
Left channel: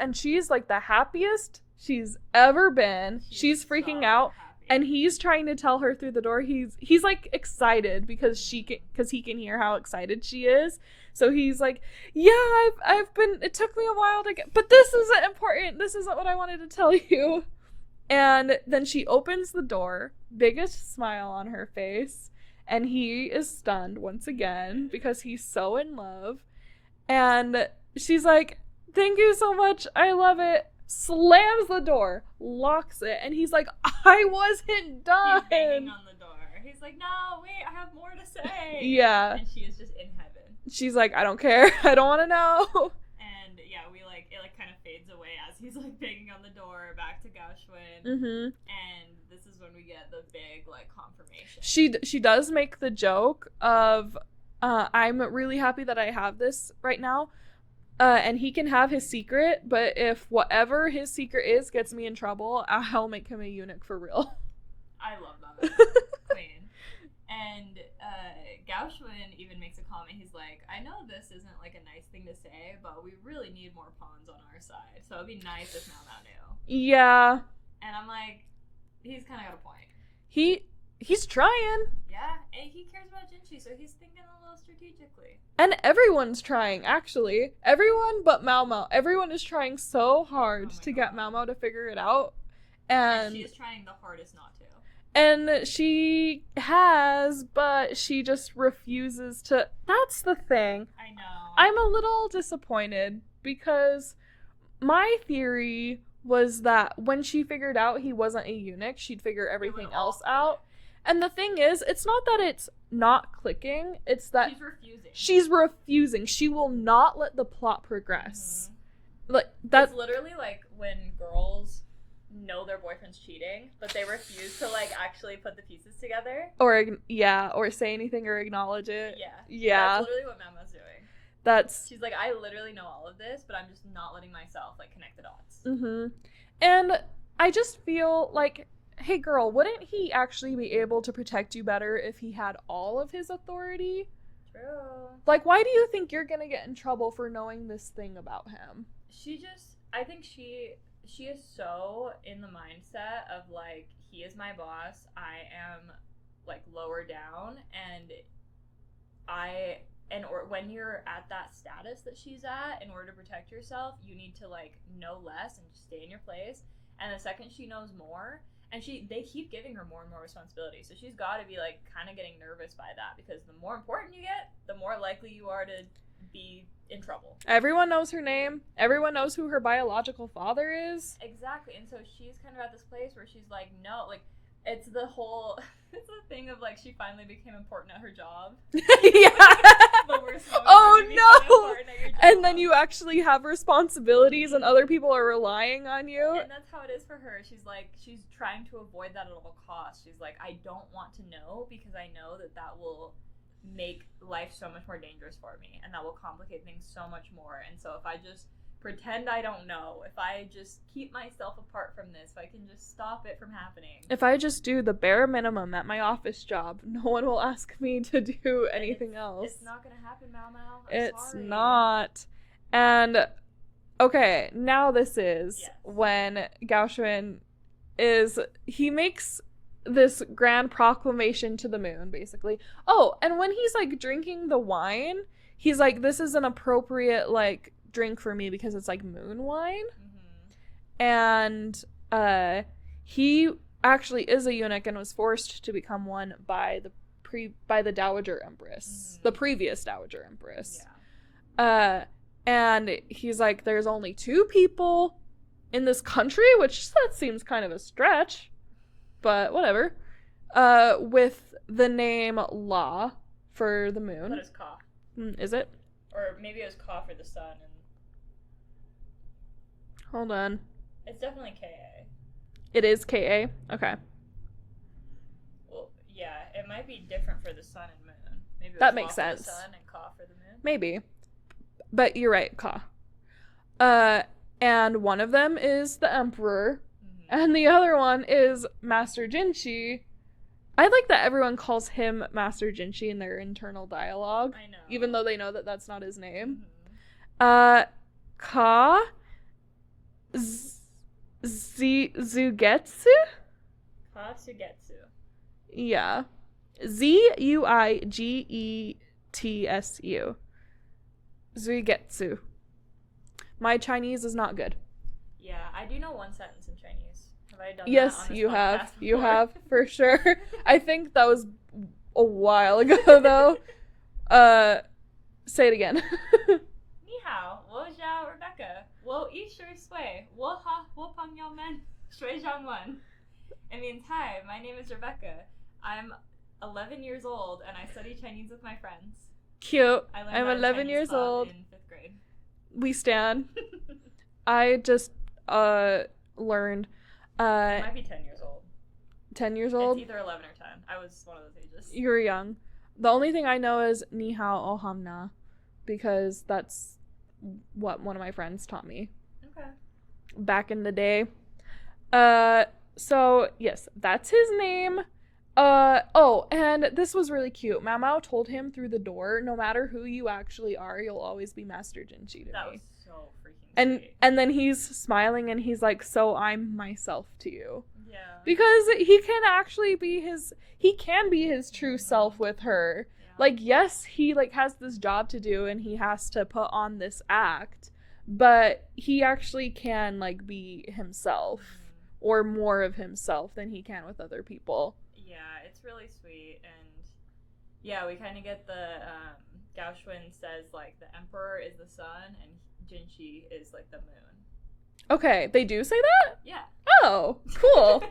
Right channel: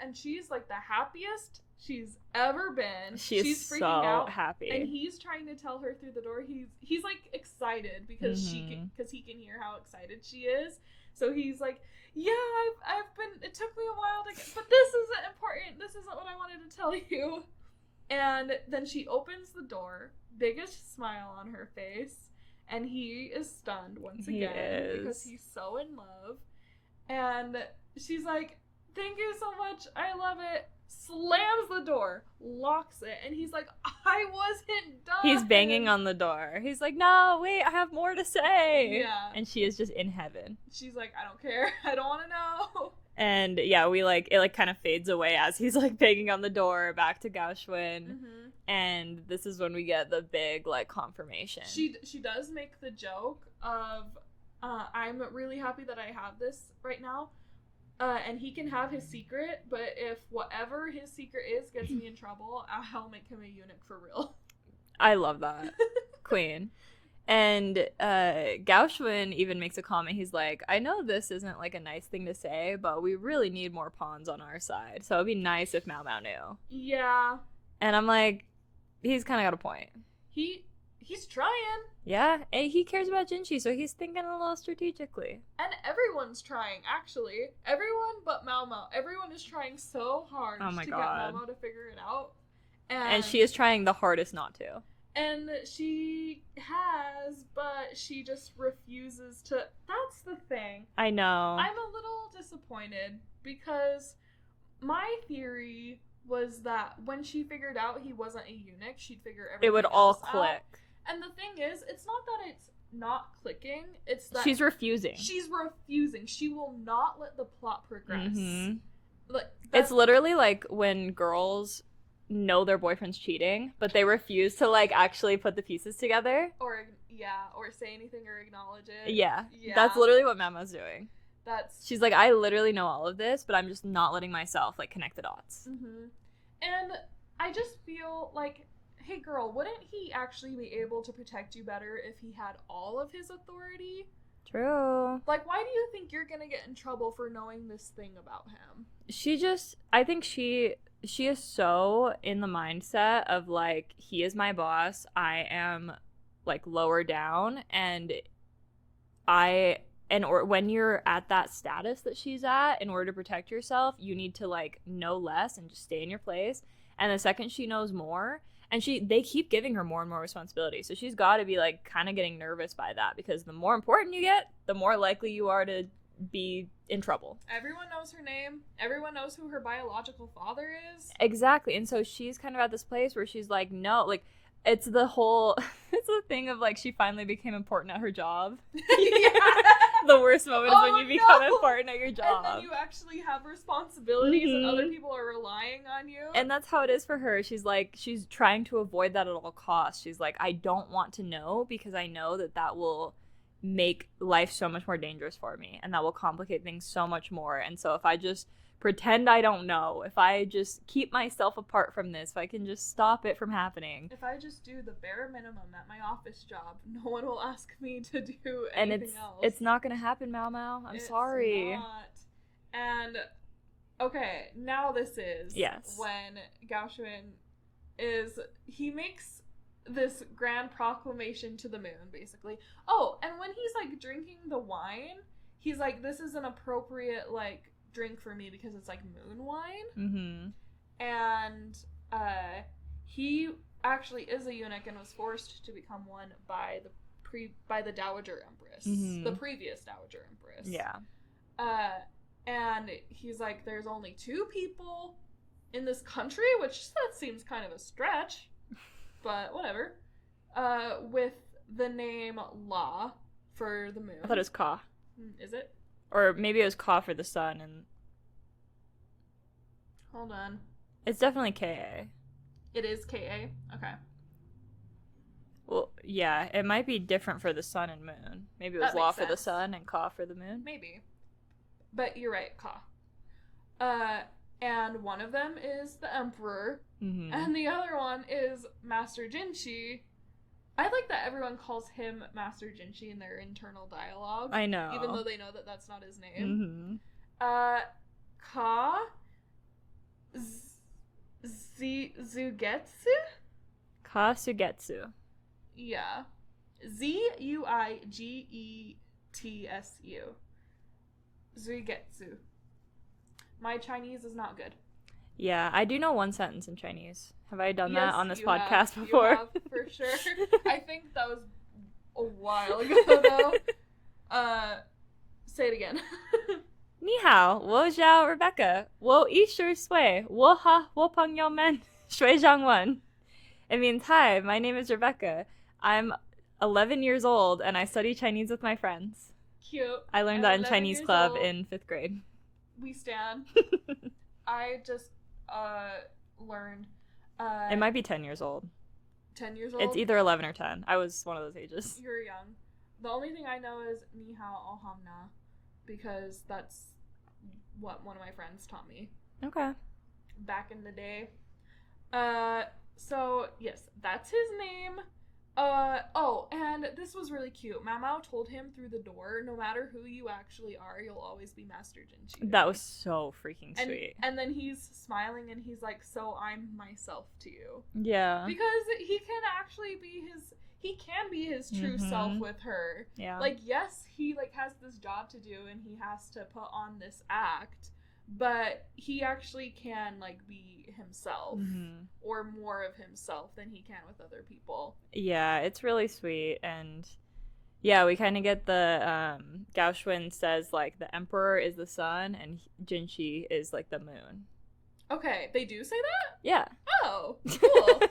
like the happiest she's ever been. She's freaking so out, happy. And he's trying to tell her through the door. He's like excited because he can hear how excited she is. So he's like, yeah, I've been. It took me a while to get, but this isn't important. This isn't what I wanted to tell you. And then she opens the door, biggest smile on her face, and he is stunned once again because he's so in love. And she's like, thank you so much. I love it. Slams the door, locks it, and he's like, I wasn't done. He's banging on the door. He's like, no, wait, I have more to say. Yeah. And she is just in heaven. She's like, I don't care. I don't want to know. And yeah, it kind of fades away as he's like banging on the door back to Gaoshun. And this is when we get the big like confirmation. She does make the joke of, I'm really happy that I have this right now. And he can have his secret, but if whatever his secret is gets me in trouble, I'll make him a eunuch for real. I love that. Queen. And Gaoshun even makes a comment. He's like, I know this isn't like a nice thing to say, but we really need more pawns on our side. So it'd be nice if Maomao knew. Yeah. And I'm like, he's kind of got a point. He's trying. Yeah, and he cares about Jinshi, so he's thinking a little strategically. And everyone's trying, actually. Everyone but Maomao. Everyone is trying so hard get Maomao to figure it out. And she is trying the hardest not to. And she has, but she just refuses to. That's the thing. I know. I'm a little disappointed because my theory was that when she figured out he wasn't a eunuch, she'd figure everything It would all else click. out. And the thing is, it's not that it's not clicking, it's that She's refusing. She's refusing. She will not let the plot progress. Mhm. Like That's literally like when girls know their boyfriend's cheating, but they refuse to like actually put the pieces together. or say anything or acknowledge it. Yeah. Yeah. That's literally what Maomao's doing. She's like, I literally know all of this, but I'm just not letting myself like connect the dots. Mm-hmm. And I just feel like, hey girl, wouldn't he actually be able to protect you better if he had all of his authority? True. Like, why do you think you're gonna get in trouble for knowing this thing about him? I think she is so in the mindset of like, he is my boss, I am like lower down, and when you're at that status that she's at, in order to protect yourself, you need to like know less and just stay in your place. And the second she knows more, and they keep giving her more and more responsibility, so she's got to be like kind of getting nervous by that, because the more important you get, the more likely you are to be in trouble. Everyone knows her name. Everyone knows who her biological father is. Exactly. And so she's kind of at this place where she's like, no, like, it's the thing of like, she finally became important at her job. Yeah. The worst moment Oh, is when you become no! important at your job. And then you actually have responsibilities and Mhm. other people are relying on you. And that's how it is for her. She's like, she's trying to avoid that at all costs. She's like, I don't want to know, because I know that will make life so much more dangerous for me, and that will complicate things so much more. And so if I just pretend I don't know, if I just keep myself apart from this, if I can just stop it from happening, if I just do the bare minimum at my office job, no one will ask me to do anything else. It's not gonna happen, Maomao. I'm sorry. It's not. And okay, now this is Yes. when Gaoxuan he makes this grand proclamation to the moon, basically. Oh, and when he's like drinking the wine, he's like, this is an appropriate like drink for me because it's like moon wine. Mm-hmm. And he actually is a eunuch and was forced to become one by the Dowager Empress, Mhm. the previous Dowager Empress. Yeah. And he's like, there's only 2 people in this country, which that seems kind of a stretch, but whatever. With the name La for the moon. I thought it was Ka. Is it? Or maybe it was Ka for the sun, and Hold on. it's definitely Ka. It is Ka? Okay. Well, yeah, it might be different for the sun and moon. Maybe it was That La makes for the sense. sun and Ka for the moon. Maybe. But you're right, Ka. And one of them is the Emperor, Mm-hmm. and the other one is Master Jinshi. I like that everyone calls him Master Jinshi in their internal dialogue. I know. Even though they know that that's not his name. Mm-hmm. Ka Zuigetsu? Ka Sugetsu. Yeah. Zuigetsu. Zuigetsu. My Chinese is not good. Yeah, I do know one sentence in Chinese. Have I done Yes, that on this you podcast have. before? You have, for sure. I think that was a while ago, though. Say it again. 你好，我叫 Rebecca. 我20岁，我和我朋友们学中文. It means, hi, my name is Rebecca. I'm 11 years old and I study Chinese with my friends. Cute. I learned I'm that in 11 Chinese years club old. in 5th grade. We stand. I just learned. It might be 10 years old. 10 years old? It's either 11 or 10. I was one of those ages. You're young. The only thing I know is ni hao ohamna, because that's what one of my friends taught me Okay. back in the day. So yes, that's his name. Oh, and this was really cute. Maomao told him through the door, no matter who you actually are, you'll always be Master Jinshi. to That me." was so freaking and sweet. and then he's smiling and he's like, so I'm myself to you. Yeah. Because he can actually be his true self Mhm. with her. Yeah. Like, yes, he like has this job to do and he has to put on this act, but he actually can like be himself. Mhm. Or more of himself than he can with other people. Yeah, it's really sweet. And yeah, we kind of get the Gaoxuan says like the emperor is the sun and Jinshi is like the moon. Okay, they do say that? Yeah. Oh, cool.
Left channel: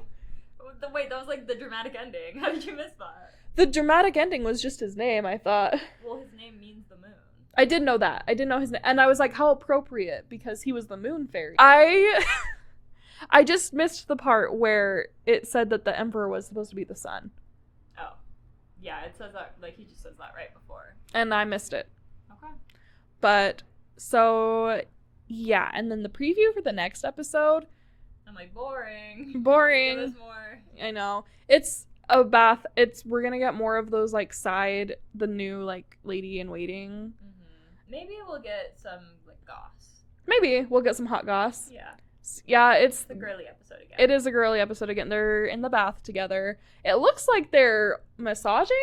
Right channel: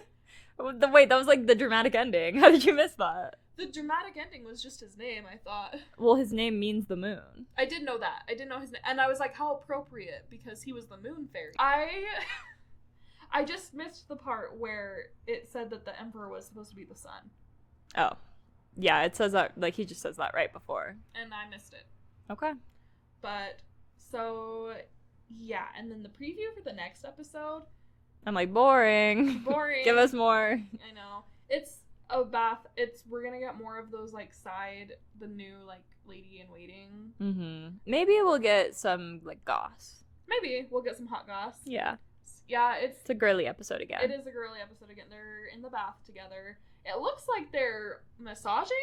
Wait, that was like the dramatic ending. How did you miss that? The dramatic ending was just his name, I thought. Well, his name means the moon. I did know that. I didn't know his name. And I was like, how appropriate, because he was the moon fairy. I just missed the part where it said that the emperor was supposed to be the sun. Oh. Yeah, it says that, like, he just says that right before. And I missed it. Okay. But, so, yeah. And then the preview for the next episode. I'm like, boring. Boring. Give us more. I know. It's a bath. We're gonna get more of those, like, the new, like, lady in waiting. Mm-hmm. Maybe we'll get some, like, goss. Maybe we'll get some hot goss. Yeah. Yeah, it's the girly episode again. It is a girly episode again. They're in the bath together. It looks like they're massaging.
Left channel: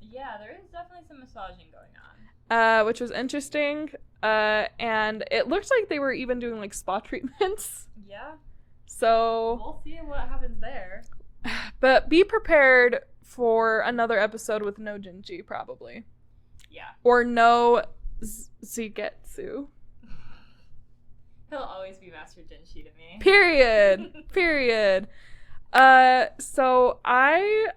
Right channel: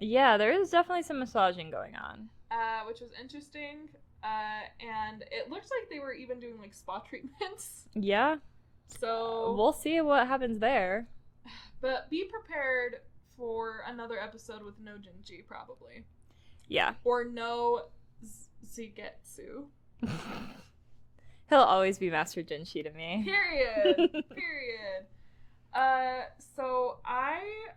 Yeah, there is definitely some massaging going on. Which was interesting. And it looked like they were even doing, like, spa treatments. Yeah. So we'll see what happens there. But be prepared for another episode with no Jinshi, probably. Yeah. Or no Zuigetsu. He'll always be Master Jinshi to me. Period. Period. So I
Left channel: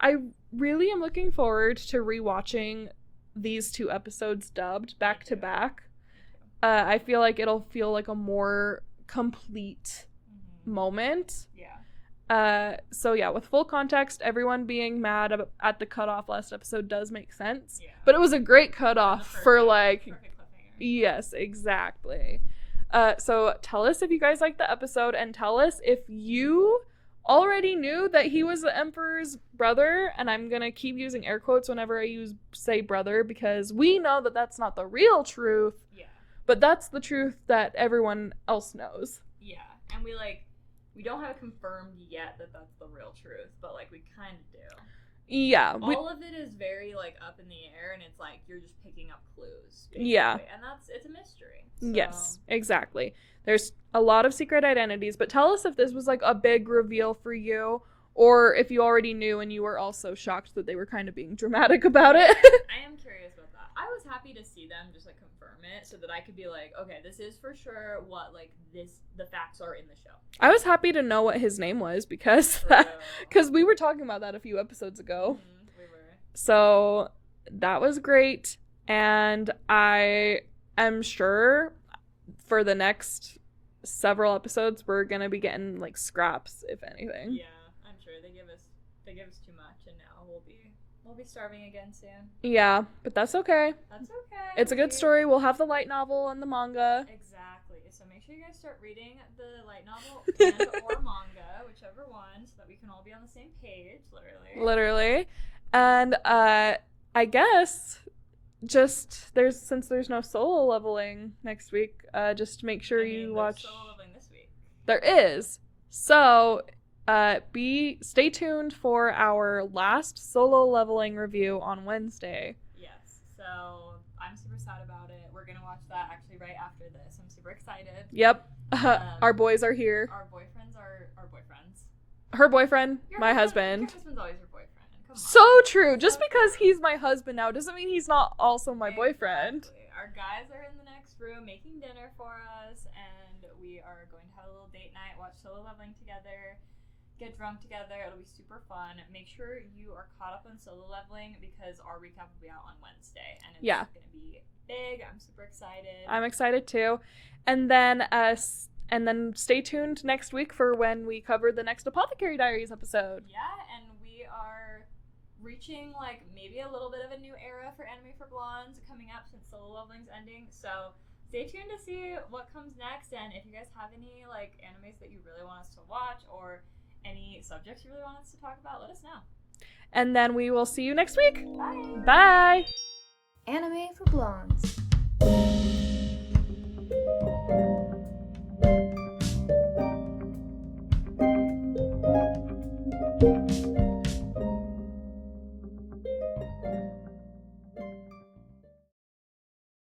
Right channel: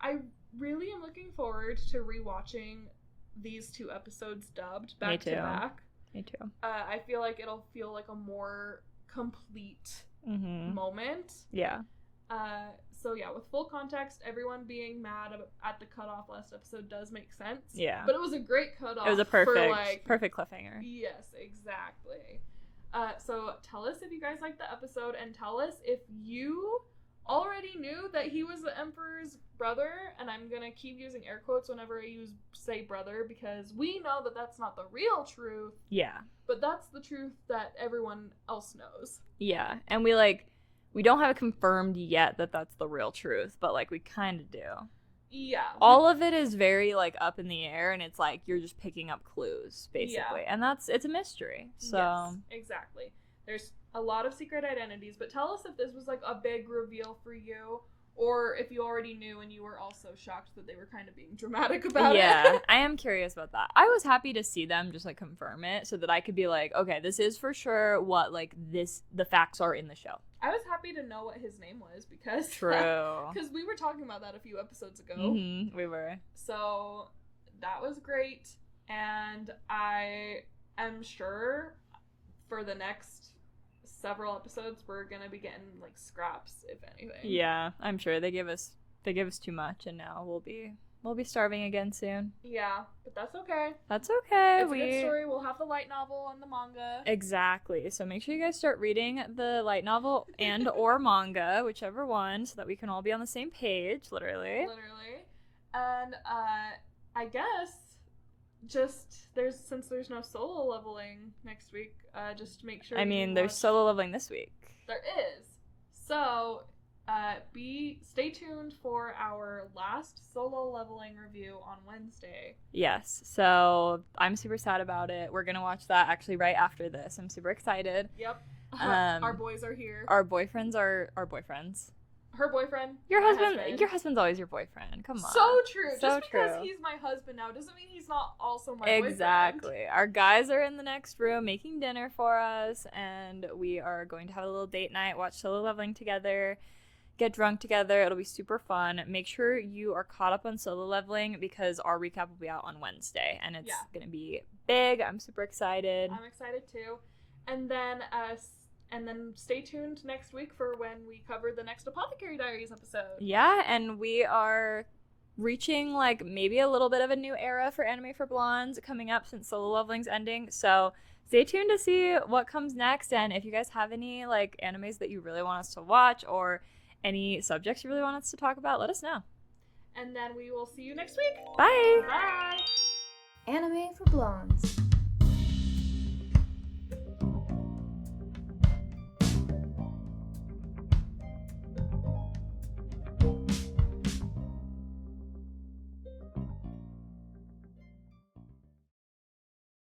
really am looking forward to rewatching these 2 episodes dubbed back to back. Me too. I feel like it'll feel like a more complete moment. Yeah. So yeah, with full context, everyone being mad at the cutoff last episode does make sense. Yeah. But it was a great cutoff. It was a perfect cliffhanger. Yes, exactly. So tell us if you guys liked the episode, and tell us if you already knew that he was the Emperor's brother, and I'm gonna keep using air quotes whenever I say brother, because we know that that's not the real truth. Yeah. But that's the truth that everyone else knows. Yeah, and we don't have it confirmed yet that that's the real truth, but, like, we kind of do. Yeah. All of it is very, like, up in the air, and it's like you're just picking up clues, basically. Yeah. And it's a mystery. So. Yes, exactly. There's a lot of secret identities, but tell us if this was, like, a big reveal for you, or if you already knew and you were also shocked that they were kind of being dramatic about it. Yeah, I am curious about that. I was happy to see them just, like, confirm it so that I could be like, okay, this is for sure what, like, the facts are in the show. I was happy to know what his name was because we were talking about that a few episodes ago. Mm-hmm, we were. So that was great, and I am sure for the next several episodes we're gonna be getting, like, scraps, if anything. Yeah, I'm sure they give us too much, and now we'll be starving again soon. Yeah, but that's okay. That's okay. It's a good story. We'll have the light novel and the manga. Exactly. So make sure you guys start reading the light novel and or manga, whichever one, so that we can all be on the same page, literally. And I guess just since there's no solo leveling next week, just make sure there's solo leveling this week. There is. So stay tuned for our last solo leveling review on Wednesday. Yes. So I'm super sad about it. We're gonna watch that actually right after this. I'm super excited. Yep. Our boys are here. Our boyfriends are our boyfriends. Her boyfriend, my husband. Your husband's always your boyfriend. Come on. So true. So just because true. he's my husband now doesn't mean he's not also my boyfriend. Exactly. Our guys are in the next room making dinner for us, and we are going to have a little date night, watch solo leveling together, get drunk together. It'll be super fun. Make sure you are caught up on solo leveling because our recap will be out on Wednesday, and it's going to be big. I'm super excited. I'm excited too. And then stay tuned next week for when we cover the next Apothecary Diaries episode. Yeah, and we are reaching, like, maybe a little bit of a new era for anime for blondes coming up since solo leveling's ending. So stay tuned to see what comes next. And if you guys have any, like, animes that you really want us to watch or any subjects you really want us to talk about, let us know. And then we will see you next week. Bye. Bye. Anime for blondes.